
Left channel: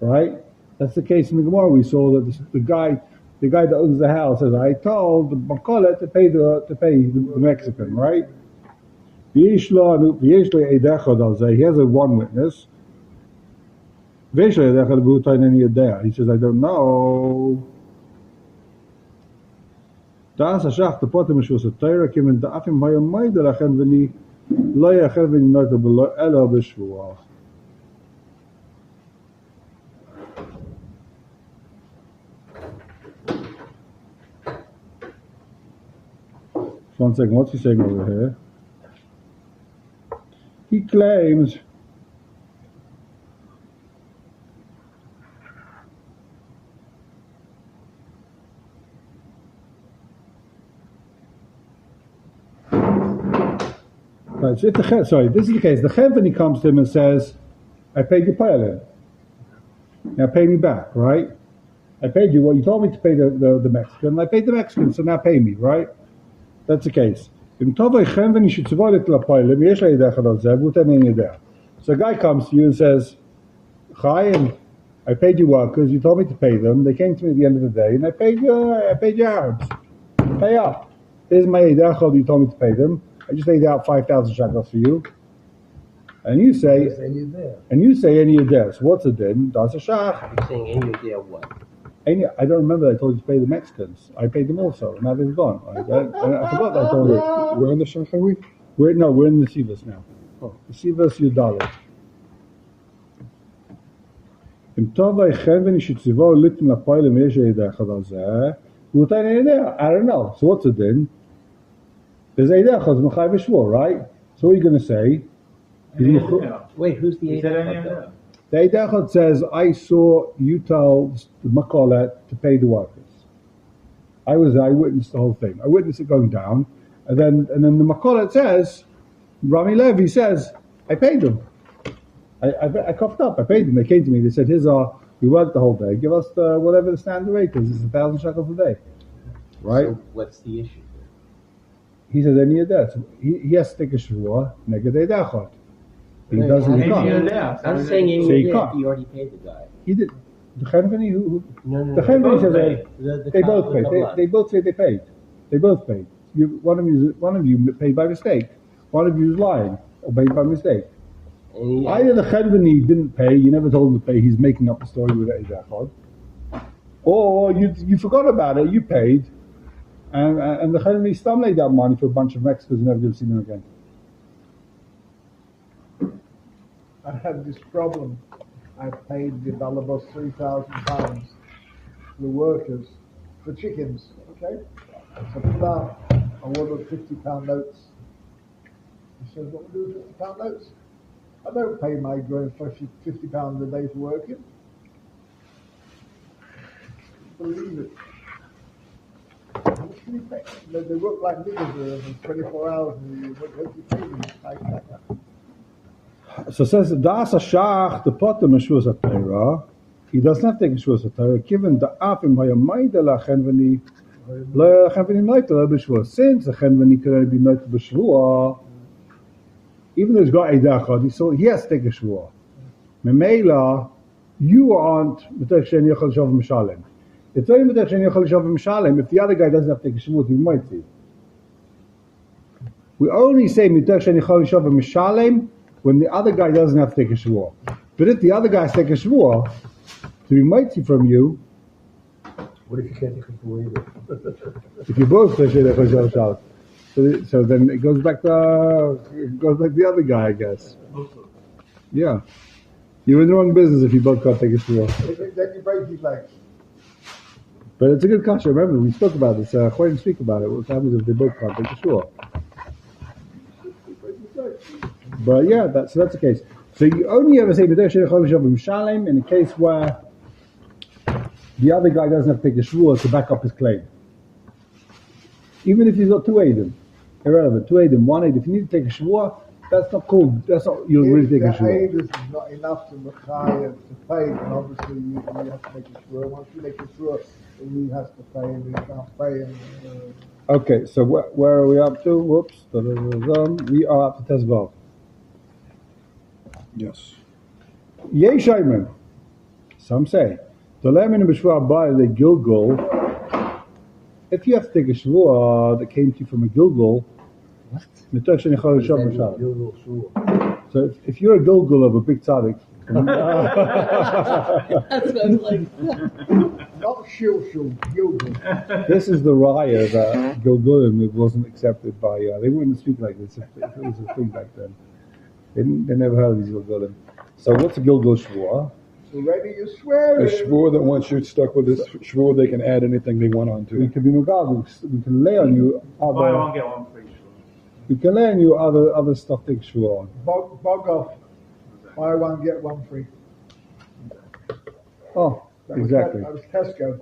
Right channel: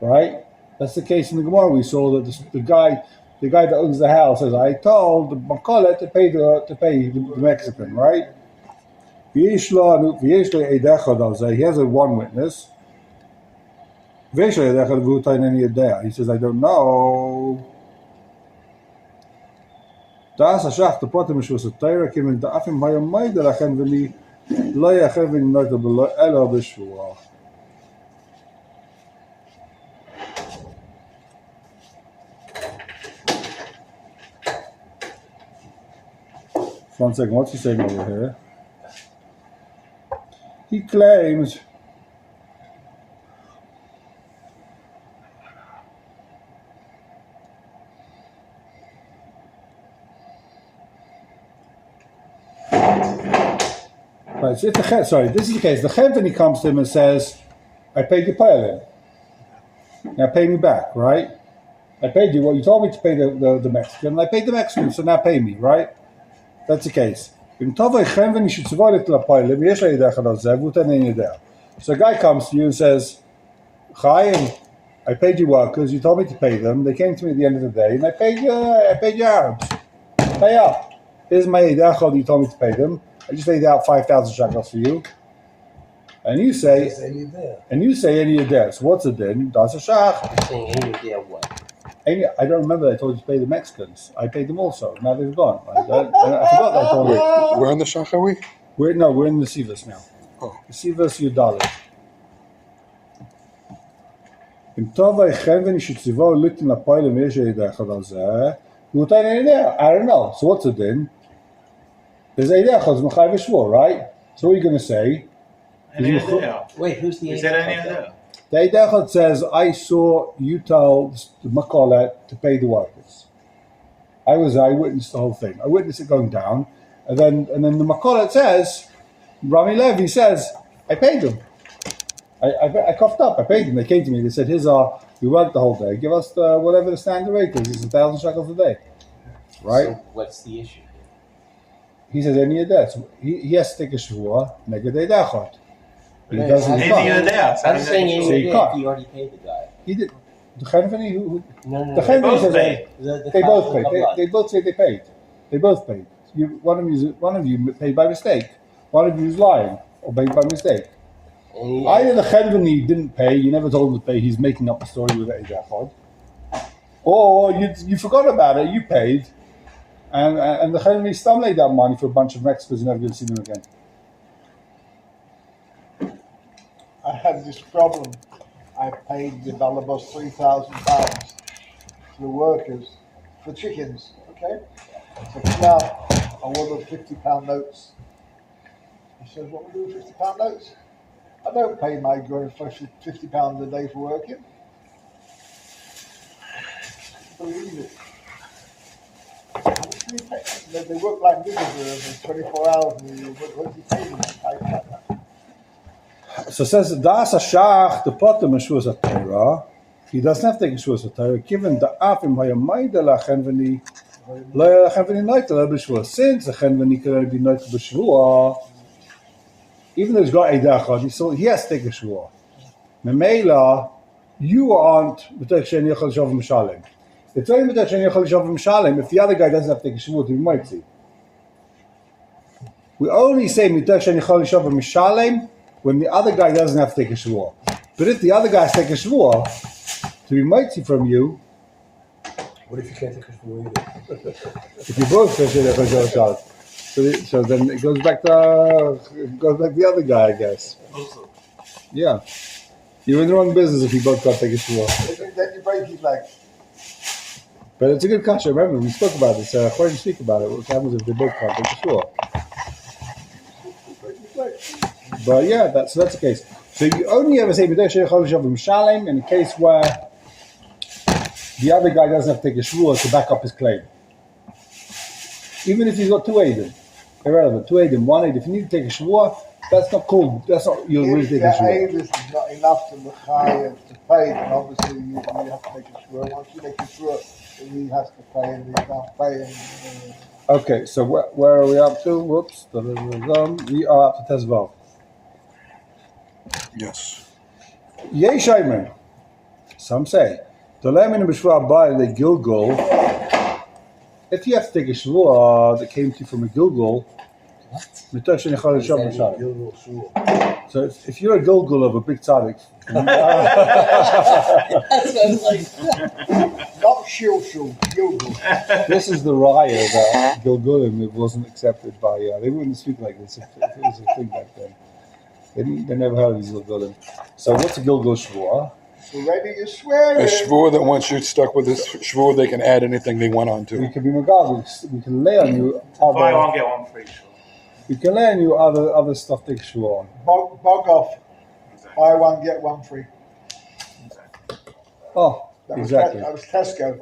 Right? That's the case in the Gemara. We saw that the guy that owns the house says, I told the Makolet to pay the Mexican, right? He has a one witness. He says, I don't know. Das השח תפותם משהו סתירה, כי מן דאפים היום מיידה לכן וני לא יאחר ונינויתה אלא בשבוע. One second, what's he saying over here? He claims so if this is the case. The chenveni comes to him and says, I paid you Perlin. Now pay me back, right? I paid you what you told me to pay the Mexican, and I paid the Mexican, so now pay me, right? That's the case. So a guy comes to you and says, Chaim, I paid you workers, you told me to pay them, they came to me at the end of the day, and I paid you Arabs. Pay up. Here's my Eidachal, you told me to pay them. I just laid out 5,000 shekels for you. And you say, any of theirs. What's it then? That's a shach. You're saying any of their what? I don't remember I told you to pay the Mexicans. I paid them also. Now they've gone. I forgot that I told you. Where on the shach are we? We're in the Sivas now. Oh. The Sivas Yudalit. I don't know. So what's it then? There's Eidechaz Mechai V'Shvur, right? So what are you going to say? Wait, who's the Eidechaz? The Eidechaz says, I saw you tell the Makolet to pay the workers. I witnessed the whole thing. I witnessed it going down. And then the Makolet says, Rami Levi says, I paid them. I coughed up. I paid them. They came to me. They said, we worked the whole day. Give us whatever the standard rate is. It's 1,000 shekels a day. Right? So what's the issue? He says any of that. So he has to take a shvua neged eidachot. He doesn't. Any of that. I'm saying any of that. He already paid the guy. He did. The chenveni who? No. The chenveni says they both paid. paid. They both say they paid. They both paid. One of you paid by mistake. One of you is lying or paid by mistake. Either the chenveni didn't pay. You never told him to pay. He's making up a story with eidachot. Or you forgot about it. You paid. And the Chenveni still made that money for a bunch of Mexicans. You're never going to see them again. I have this problem. I paid the almost £3,000 to the workers for chickens. Okay, so now I wanted £50 notes. He says, "What we do with £50 notes? I don't pay my grown flesh £50 a day for working." Believe it. They work like niggas 24 hours and you work 20 So it says Das Ashach the Potter Meshua Satira. He doesn't have to take Meshua Satira, given the Afim Hayamaida Lachenveni Lachenveni Night Beshua. Since the Chenveni can only be Night Beshua, even though he's got a dachad, he has to take a shvua. Memela, you aren't b'tech she'en yochel shav mishalem. It's only b'tech she'en yochel shav mishalem if the other guy doesn't have to take a shvua to be mitzi. We only say b'tech she'en yochel shav mishalem when the other guy doesn't have to take a shvua. But if the other guy has to take a shvua to be mitzi from you, What if you can't take a shvua either? if you both b'tech she'en yochel shav mishalem, so then it goes back to the other guy, I guess. Yeah. You're in the wrong business if you both can't take a shvua. Then you break his leg. But it's a good question. Remember, we spoke about this. According to speak about it, what happens if they both can't take a shvua? But yeah, that's the case. So you only ever say b'tech she'en yochel shav mishalem in the case where the other guy doesn't have to take a shvua to back up his claim. Even if he's got two Eidim. Irrelevant. Two Eidim, one Eid. If you need to take a shvua, that's not cool. That's not, you'll really take a If shvua. the aid is not enough to L'chayev to pay, then obviously you have to make a shvua. Once you make a shvua, then he has to pay and he can't pay. Okay, so where are we up to? Whoops. We are up to Tezvav. Yes. Yeshayman. Some say. Gilgul. If you have to take a shvua that came to you from a Gilgul, so if you're a Gilgul of a big tzaddik, Not shilshul, gilgul. this is the raya that Gilgulim it wasn't accepted by. They wouldn't speak like this if it was a thing back then. They never heard of these Gilgulim. So what's a Gilgul shvua? Already you're swearing. A shvur that once you're stuck with this shvur, they can add anything they want onto. We can be magad. We can lay on you. Buy one, get one free. We can lay on you other stuff take shvua on. Bog off. Buy one, get one free. Oh, That exactly. Was Tesco.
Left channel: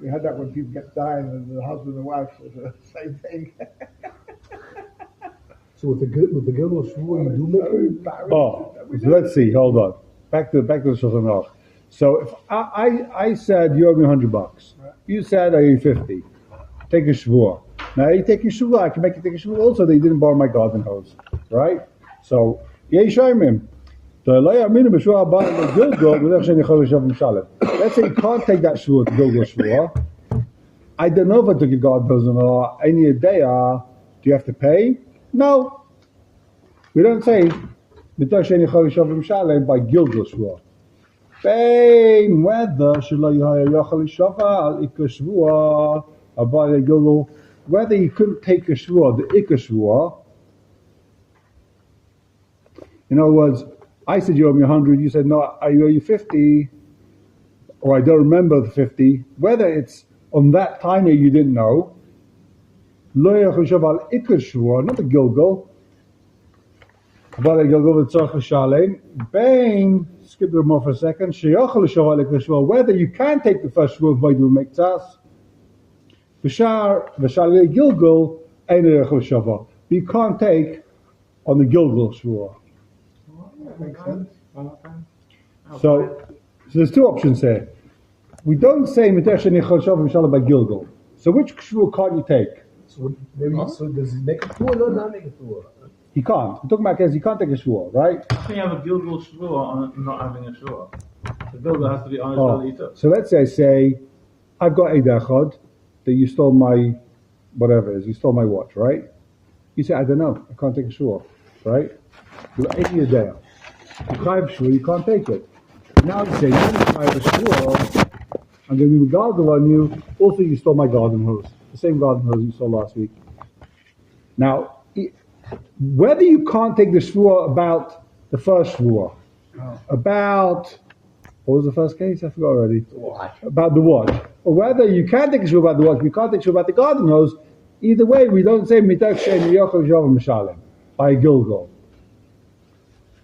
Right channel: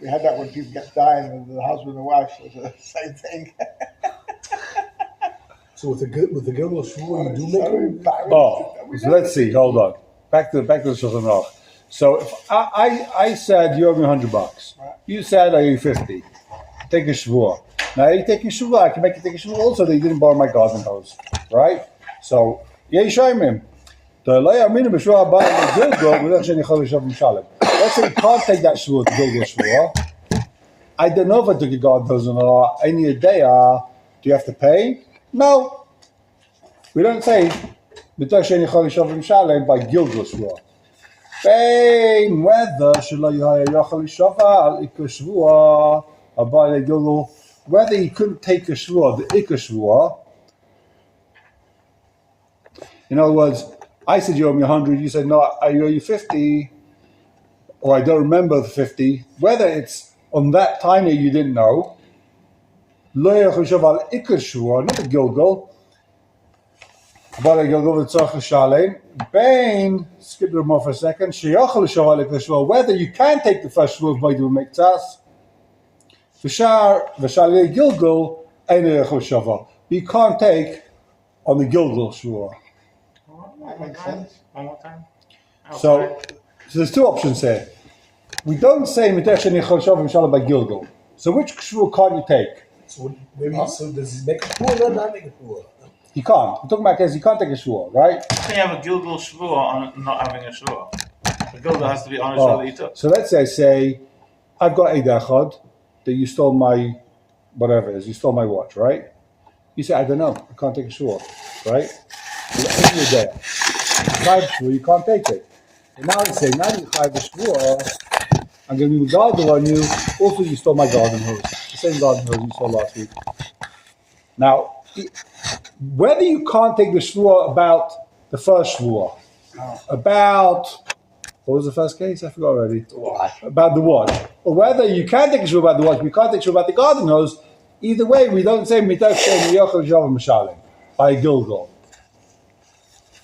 We had that when people get dying and the husband and wife was the same thing. So with the Gilgul shvua, you do make So it? embarrassed. Oh, so let's see. Hold on. Back to the Shulchan Aruch. So if I said you owe me $100. You said I owe you 50. Take a shvua. Now you take a shvua. I can make you take a shvua also that you didn't borrow my garden hose, right? So Yeshayim. Let's say you can't take that shvua to Gilgul shvua. I don't know if I took a garden hose or not. Any day, do you have to pay? No. We don't say b'tech she'en yochel shav mishalem by Gilgul shvua. Bein whether shelo yochel shav al ikar shvua by the Gilgul, whether he couldn't take a shvua, the ikar shvua. In other words, I said you owe me 100. You said no, I owe you 50, or I don't remember the 50. Whether it's on that time that you didn't know, lo yochel shav al ikar shvua, not the Gilgul. But I go with tzarich l'shalem. Bain, skip it more for a second. Sheyachol l'shavalik l'shvua. Whether you can take the first shvua by doing miktas, v'shalei Gilgul ain't yachol shava. You can't take on the Gilgul shvua. That makes sense. One more time. So there's two options here. We don't say b'tech she'en yochel shav mishalem by Gilgul. So which shvua can't you take? So maybe so does he make a shvua or not make a shvua? He can't. We're talking about cases he can't take a shvua, right? Can you have a Gilgul shvua on not having a shvua? The Gilgul has to be on a shvua that you took. So let's say I've got a dachad that you stole my whatever it is, you stole my watch, right? You say, I don't know, I can't take a shvua, right? Well, give you a day. Private shvua, you can't take it. Now I say, now you have a shvua, I'm going to be garden on you. Also, you stole my garden hose, the same garden hose you stole last week. Now, whether you can't take the shvua about the first shvua, about what was the first case? I forgot already. About the watch, or whether you can take a shvua about the watch, but you can't take a shvua about the garden hose. Either way, we don't say mitach she'en yochel shav mishalem by a Gilgul.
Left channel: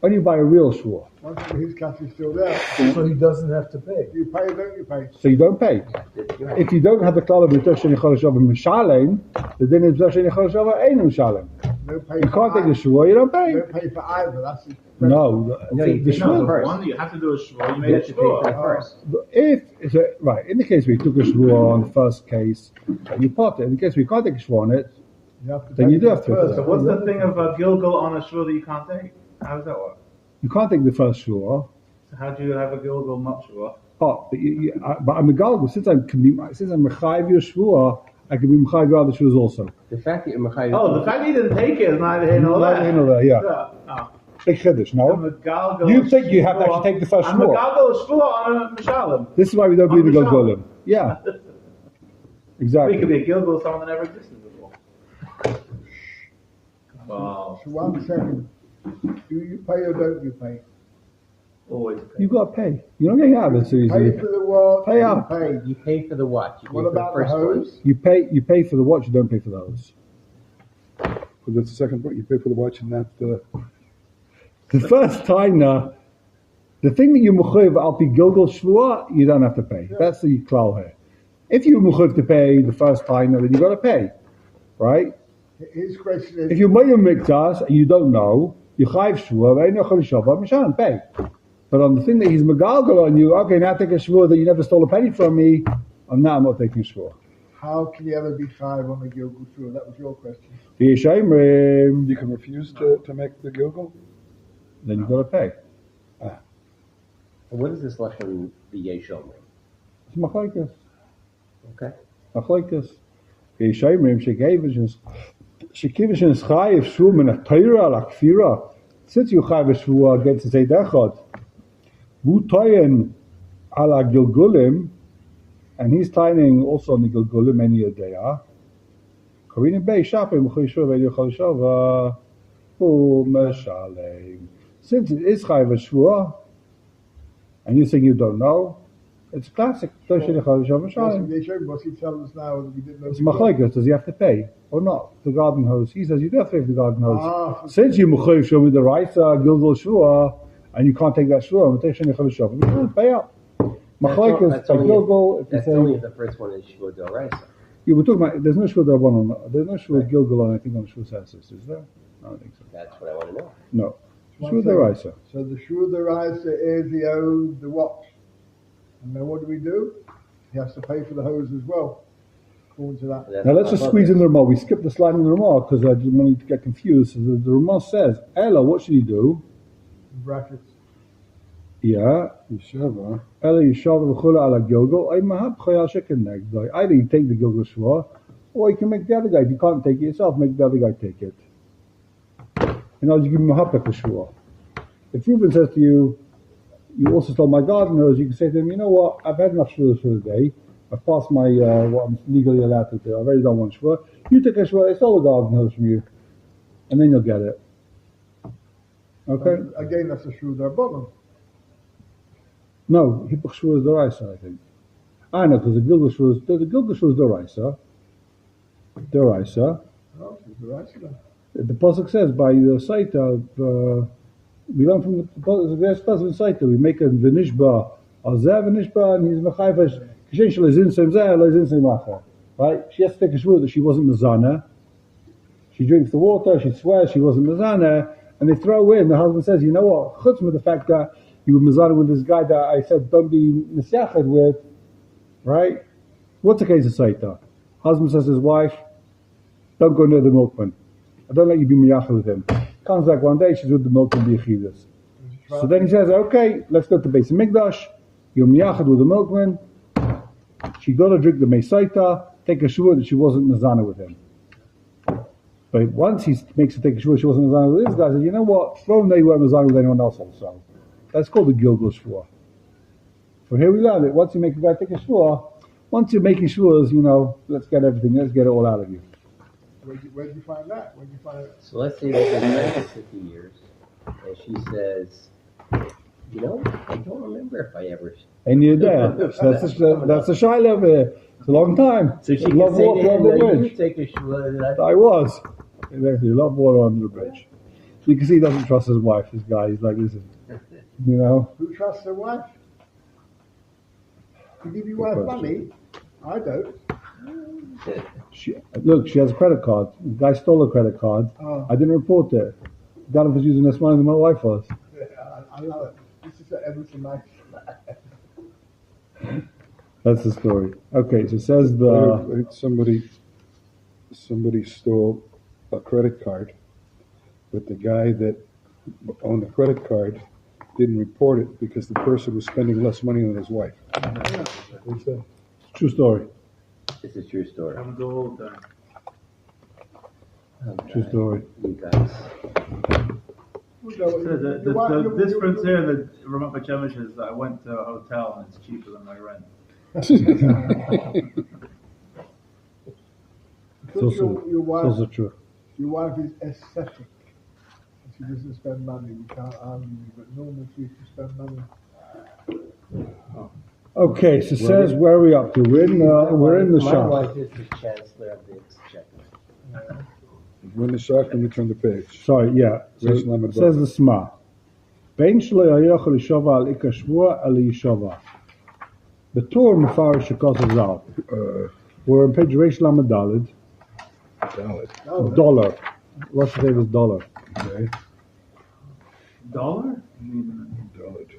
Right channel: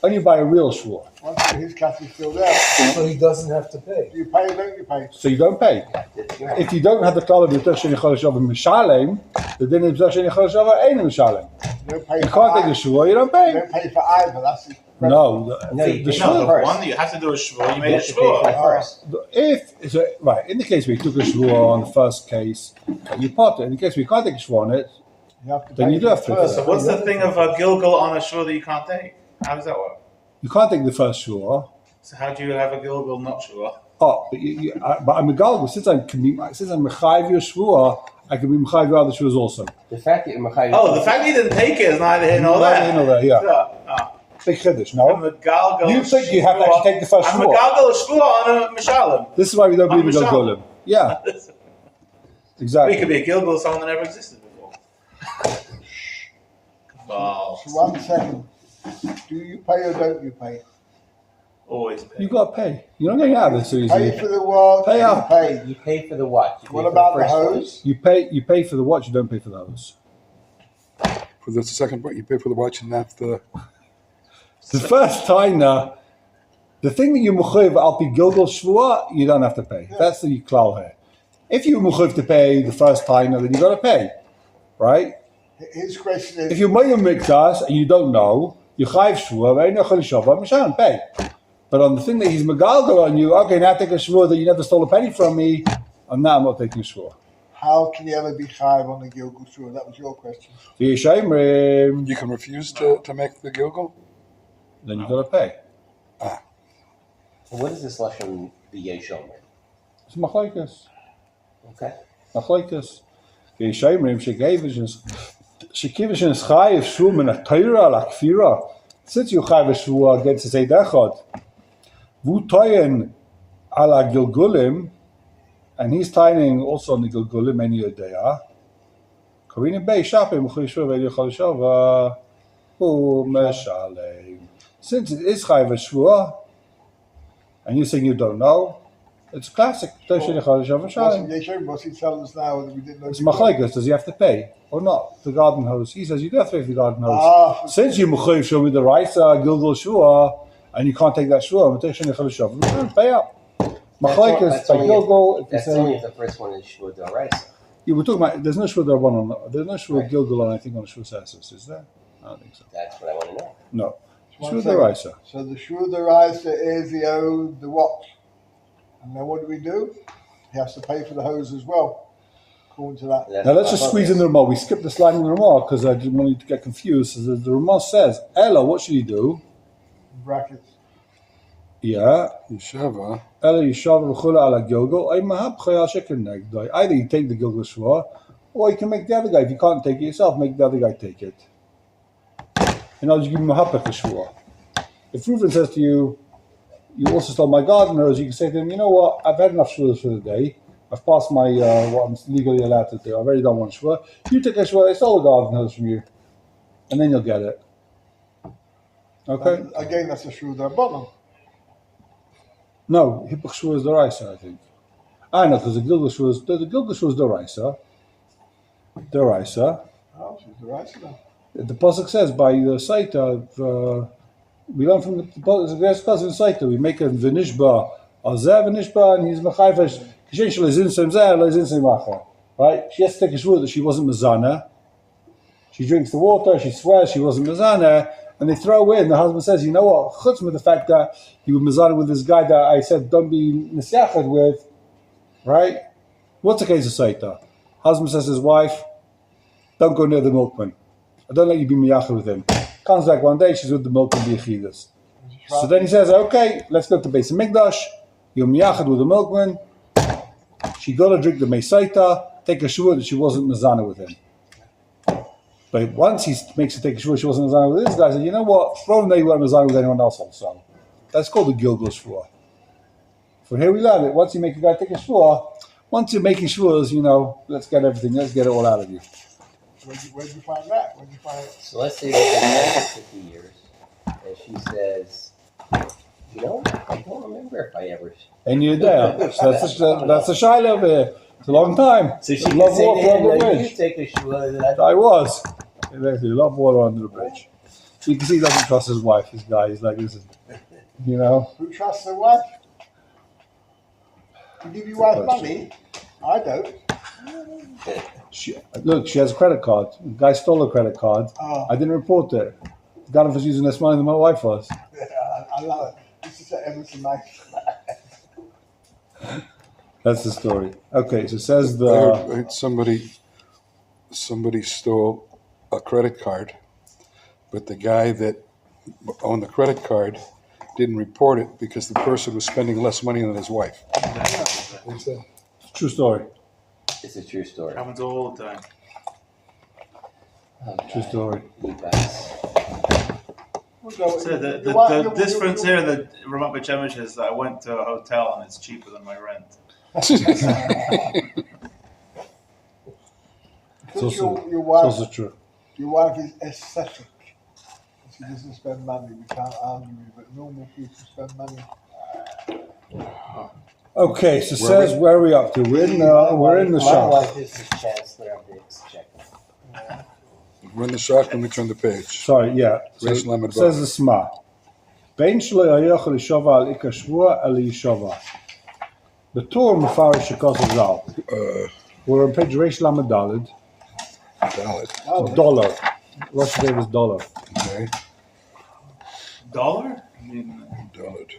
Only by a real shvua. Once his cash is still there, So he doesn't have to pay. do you pay or don't you pay? So you don't pay. If you don't have the klal of mitach she'en yochel shav mishalem, the din of mitach she'en yochel shav ain't mishalem. No pay You for can't take a either. shvua, you don't pay. No pay for either. That's his No, No, you the pay No, for the shvua. one that you have to do a shvua, you made a You have to pay for the shvua. first. If so, right, in the case we took a shvua on the first case, you pot it. In the case we can't take a shvua on it, You have to Then pay you do for have to the pay. first. So what's the thing of a Gilgal on a shore that you can't take? How does that work? You can't take the first shua. So how do you have a Gilgal not shore? Oh, but I'm a galgal. Since I'm mechayiv your shua, I can be mechayiv your other shuas also. The fact that you're Mechayiv. Oh, the fact that you didn't take it is neither here nor there. You know that, yeah. Oh. Big chiddush, I'm no? a Galgal. You think you have to actually take the first I'm a shua. Galgal shore on a Mishalim. This is why we don't believe in Mashal. Gilgulim. Yeah, It exactly. could be a Gilgal of someone that never existed before. Oh, So 1 second. Do you pay or don't you pay? always pay. You got to pay. You're not getting out of this so Pay easily. for the work. Pay you up. pay. You pay for the what? You pay What for about the first one. hose? You pay for the watch. You don't pay for the hose. For the second part, you pay for the watch, and that's the. The first taina, the thing that you mechayiv al pi Gilgal shvua, you don't have to pay. That's the klal here. If you mechayiv to pay the first taina, then you got to pay, right? His question is, If you're mayim mikdas and you don't know, you chayiv shvua, right? No chol shavah, mishan pay. But on the thing that he's megalgal on you, okay, now take a shvua that you never stole a penny from me, and now I'm not taking shvua. how can you ever be chayiv on the Gilgal Shur? That was your question. V'yeshayimrim, You can refuse to make the Gilgal. then you got to pay. What is this lesson v'yeshomer? It's machlekes. Okay. Machlekes. V'yeshayimrim shekivish is chayiv shvua min ha-Torah la-kfira. Since you chayiv shvua against the Seid Echad, vu toyen ala Gilgulim, and he's tying also on the Gilgulim any yodea. Karina Bey Shapim Chayshua Veli Chalshava Meshalem. Since it is Chayv Shvua, and you're saying you don't know, it's classic. What's he telling us now that we didn't know? It's machlekes. Does he have to pay or not? The garden hose. He says you do have to pay for the garden hose. Ah, Since you mechayiv show me the Raisa Gilgal Shua, and you can't take that Shua, you can't pay up. Machlekes That's by only Gilgal. If you That's only say if the first one is Shua D'Oraisa. yeah, we're talking about. There's no Shua there one on. There's no Shua Gilgal on. I think on Shua Sassus. Is there? I don't think so. That's what I want to know. No. One Shua second. Raisa. So the Shur D'Oraisa is he owed the watch. And then what do? He has to pay for the hose as well, according to that. That's Now let's what just I squeeze in thought. the Ramah. We skipped the slide in the Ramah because I didn't want you to get confused. So the Ramah says, Ella, what should he do? Brackets. Yeah. Shava. Ella Yishav Rechula ala Gilgal. Either you take the Gilgal Shua, or you can make the other guy. If you can't take it yourself, make the other guy take it. And I'll just give him a hapik Shua. If Reuven says to you, you also stole my garden hose, you can say to him, you know what, I've had enough Shuas for the day. I've passed my what I'm legally allowed to do. I really don't want Shua. You take a Shua, I stole a garden hose from you. And then you'll get it. Okay? Again, that's a Shur D'Rabbanan. No, Hippach Shua is the Raisa, I think. I know, because the Gilgal Shua is the Raisa. The Raisa. Oh, Shur D'Oraisa then. The Pasuk says by the Saita, we learn from the Pasuk in Saita, we make a V'nishba, Azeh V'nishba, and he's Mechayfish, Kishen Shel Ezin Sem Zeh, Ezin Sem Macha. Right? She has to take a shvur that she wasn't Mazana. She drinks the water, she swears she wasn't Mazana, and they throw in, the husband says, you know what, chutz with the fact that you were Mazana with this guy that I said don't be Nisyachad with, right? What's the case of Saita? Husband says to his wife, don't go near the milkman. I don't let you be miyachad with him. Comes back one day, she's with the milkman b'yechidas. So then he says, okay, let's go to Beis Mikdash. You're miyachad with the milkman. She got to drink the mesaita, take a shua that she wasn't mezana with him. But once he makes her take a shua she wasn't mezana with this guy, said, you know what? Throw them there, you weren't mezana with anyone else also. That's called the Gilgal shua. For here we learn that once you make a guy take a shua, once you're making shuas, you know, let's get everything, let's get it all out of you. Where'd you find that? Where'd you find it? So let's say we've been married for 50 years, and she says, you know, I don't remember if I ever. And you're there. So that's a shiloh over here. It's a long time. So she can Love say to water him, under the no, you bridge. take a shua. I was. Exactly. Love water under the bridge. So you can see he doesn't trust his wife, this guy. He's like, listen, you know. Who trusts their wife? To give your wife money? I don't. Look, she has a credit card. The guy stole a credit card. Oh. I didn't report it. The guy was using less money than my wife was. Yeah, I love it. This is ever so nice. That's the story. Okay, so it says the... Somebody stole a credit card, but the guy that owned the credit card didn't report it because the person was spending less money than his wife. True story. It's a true story. Happens all the time. Oh, True God. story. You guys. No, So the you- difference here that Ramat Beit Shemesh is that I went to a hotel and it's cheaper than my rent. It's Because also, your it's wife, also true. your wife is aesthetic. She doesn't spend money. We can't argue, but normal people spend money. Okay, so says where are we up to? We're in the My shop. wife is the chancellor of the exchequer. We're in the shock and we turn the page. Sorry, yeah. So Reish Lamed says the Sma. Bein shelo yochel lishova al ikar shvua el yishova. The Toen Rabani shekos zal. We're on page Reish Lamed Daled. Valid. Dollar. Russia gave us dollar. Okay. $1? I mean, Valid.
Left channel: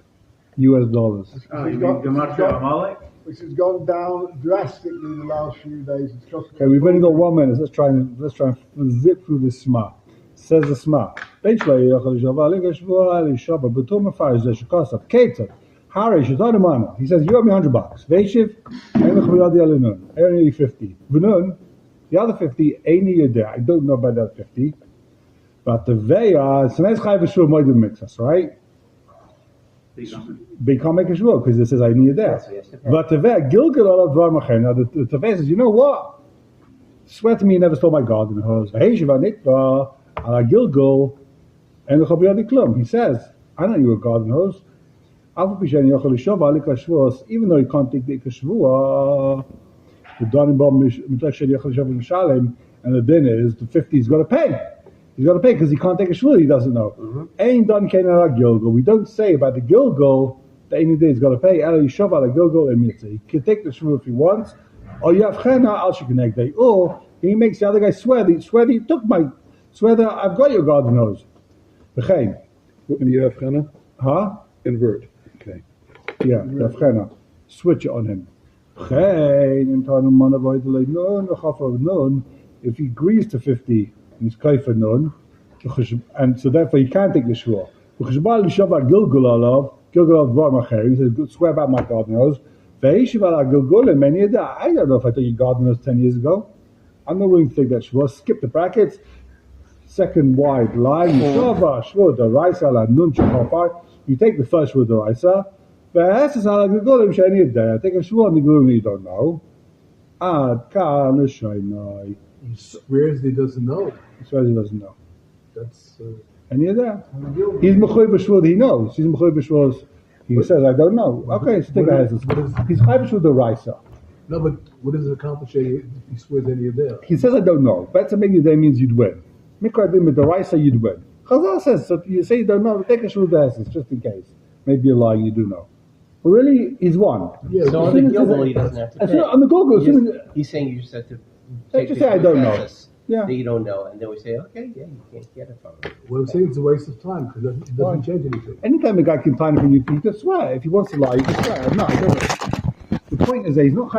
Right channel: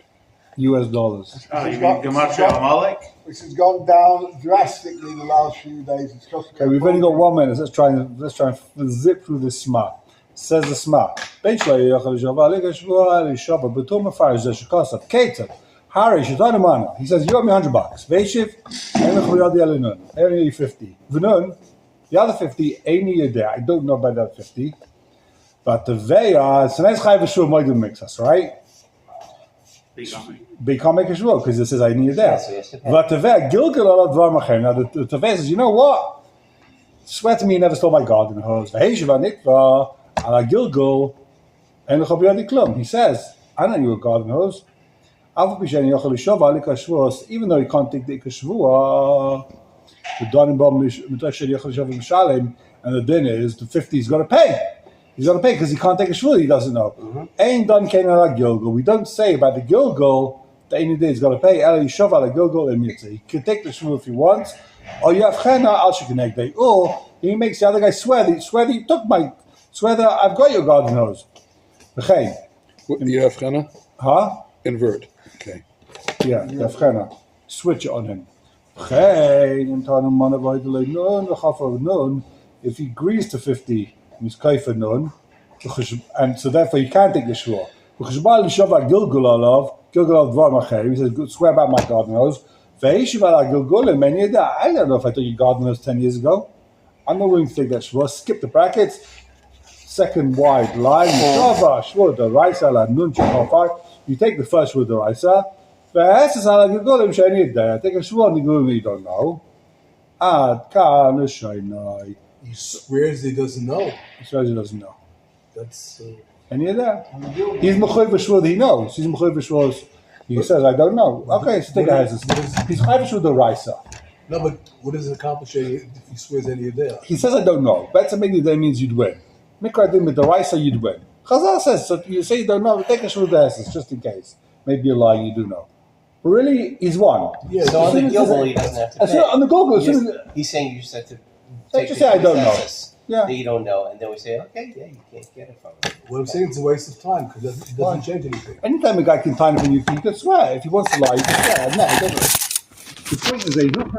US dollars. you mean got- Gematria Amalek? Which has gone down drastically the last few days. It's cost me Okay, we've only got 1 minute. Let's try and zip through this Sma. Says the Sma. Bein shelo yochel lishova al ikar shvua el yishova. The Toen Rabani shekos al Keter. Harry, he says, you owe me $100. Veishiv, only 50. V'nun, the other 50, ain't you there. I don't know about that 50. But the Veya, so let's have a sure moidum mix us, right? Become make a sure, because it says I need there. So you have to pay. But the Veya, Gilgal ala dvar machem. Now the Veya says, you know what? Swear to me you never stole my garden hose. Veishiv anitva, ala Gilgal, and the Chobiadi Klum. He says, I know you a garden hose. Even though he can't take the Ikashvua, and the din is the 50 he's got to pay. He's got to pay because he can't take a shvua. He doesn't know. Ain't done Canaan Gilgal. We don't say about the Gilgal that any day he's got to pay. El Yishov ala Gilgal emitzi. He can take the shvua if he wants, or you have chena al shekenegdei, or he makes the other guy swear that he took my swear that I've got your garden hose. V'chein. What, you have Chana? Huh? Invert. Okay. Yeah, the Fchena. Switch it on him. If he agrees to 50, he's kaifa nun, and so therefore he can't take the shvur. He says, swear about my garden hose. I don't know if I took your garden hose 10 years ago. I'm not willing to take that shvur. Skip the brackets. Second wide line. Shvur the raisa la nun shafar. You take the first with the Raisa. I take a shvua and you don't know. He swears he doesn't know. He says he doesn't know. That's Any of that? He's mechuyev b'shvua that he knows. He's mechuyev b'shvua. He says, I don't know. Okay, so take a hazard. He's mechuyev b'shvua the Raisa. no, but what does it accomplish if he swears any of that? He says, I don't know. Better make the means you'd win. Mikra din with the Raisa, you'd win. Chazal says, so you say you don't know, but take a shvua the hazard just in case. Maybe you're lying, you do know. But really, he's won. Yeah, So on the Gilgal, he doesn't have to As pay. soon- on the Gilgal, as soon as- He's saying you just have to take just the say, I don't know. consensus Yeah. that you don't know, and then we say, okay, yeah, you can't get it from him. what I'm saying is a waste of time because it doesn't change anything. Anytime a guy can time when you can swear. If he wants to lie, he can swear. No. The point is that he's not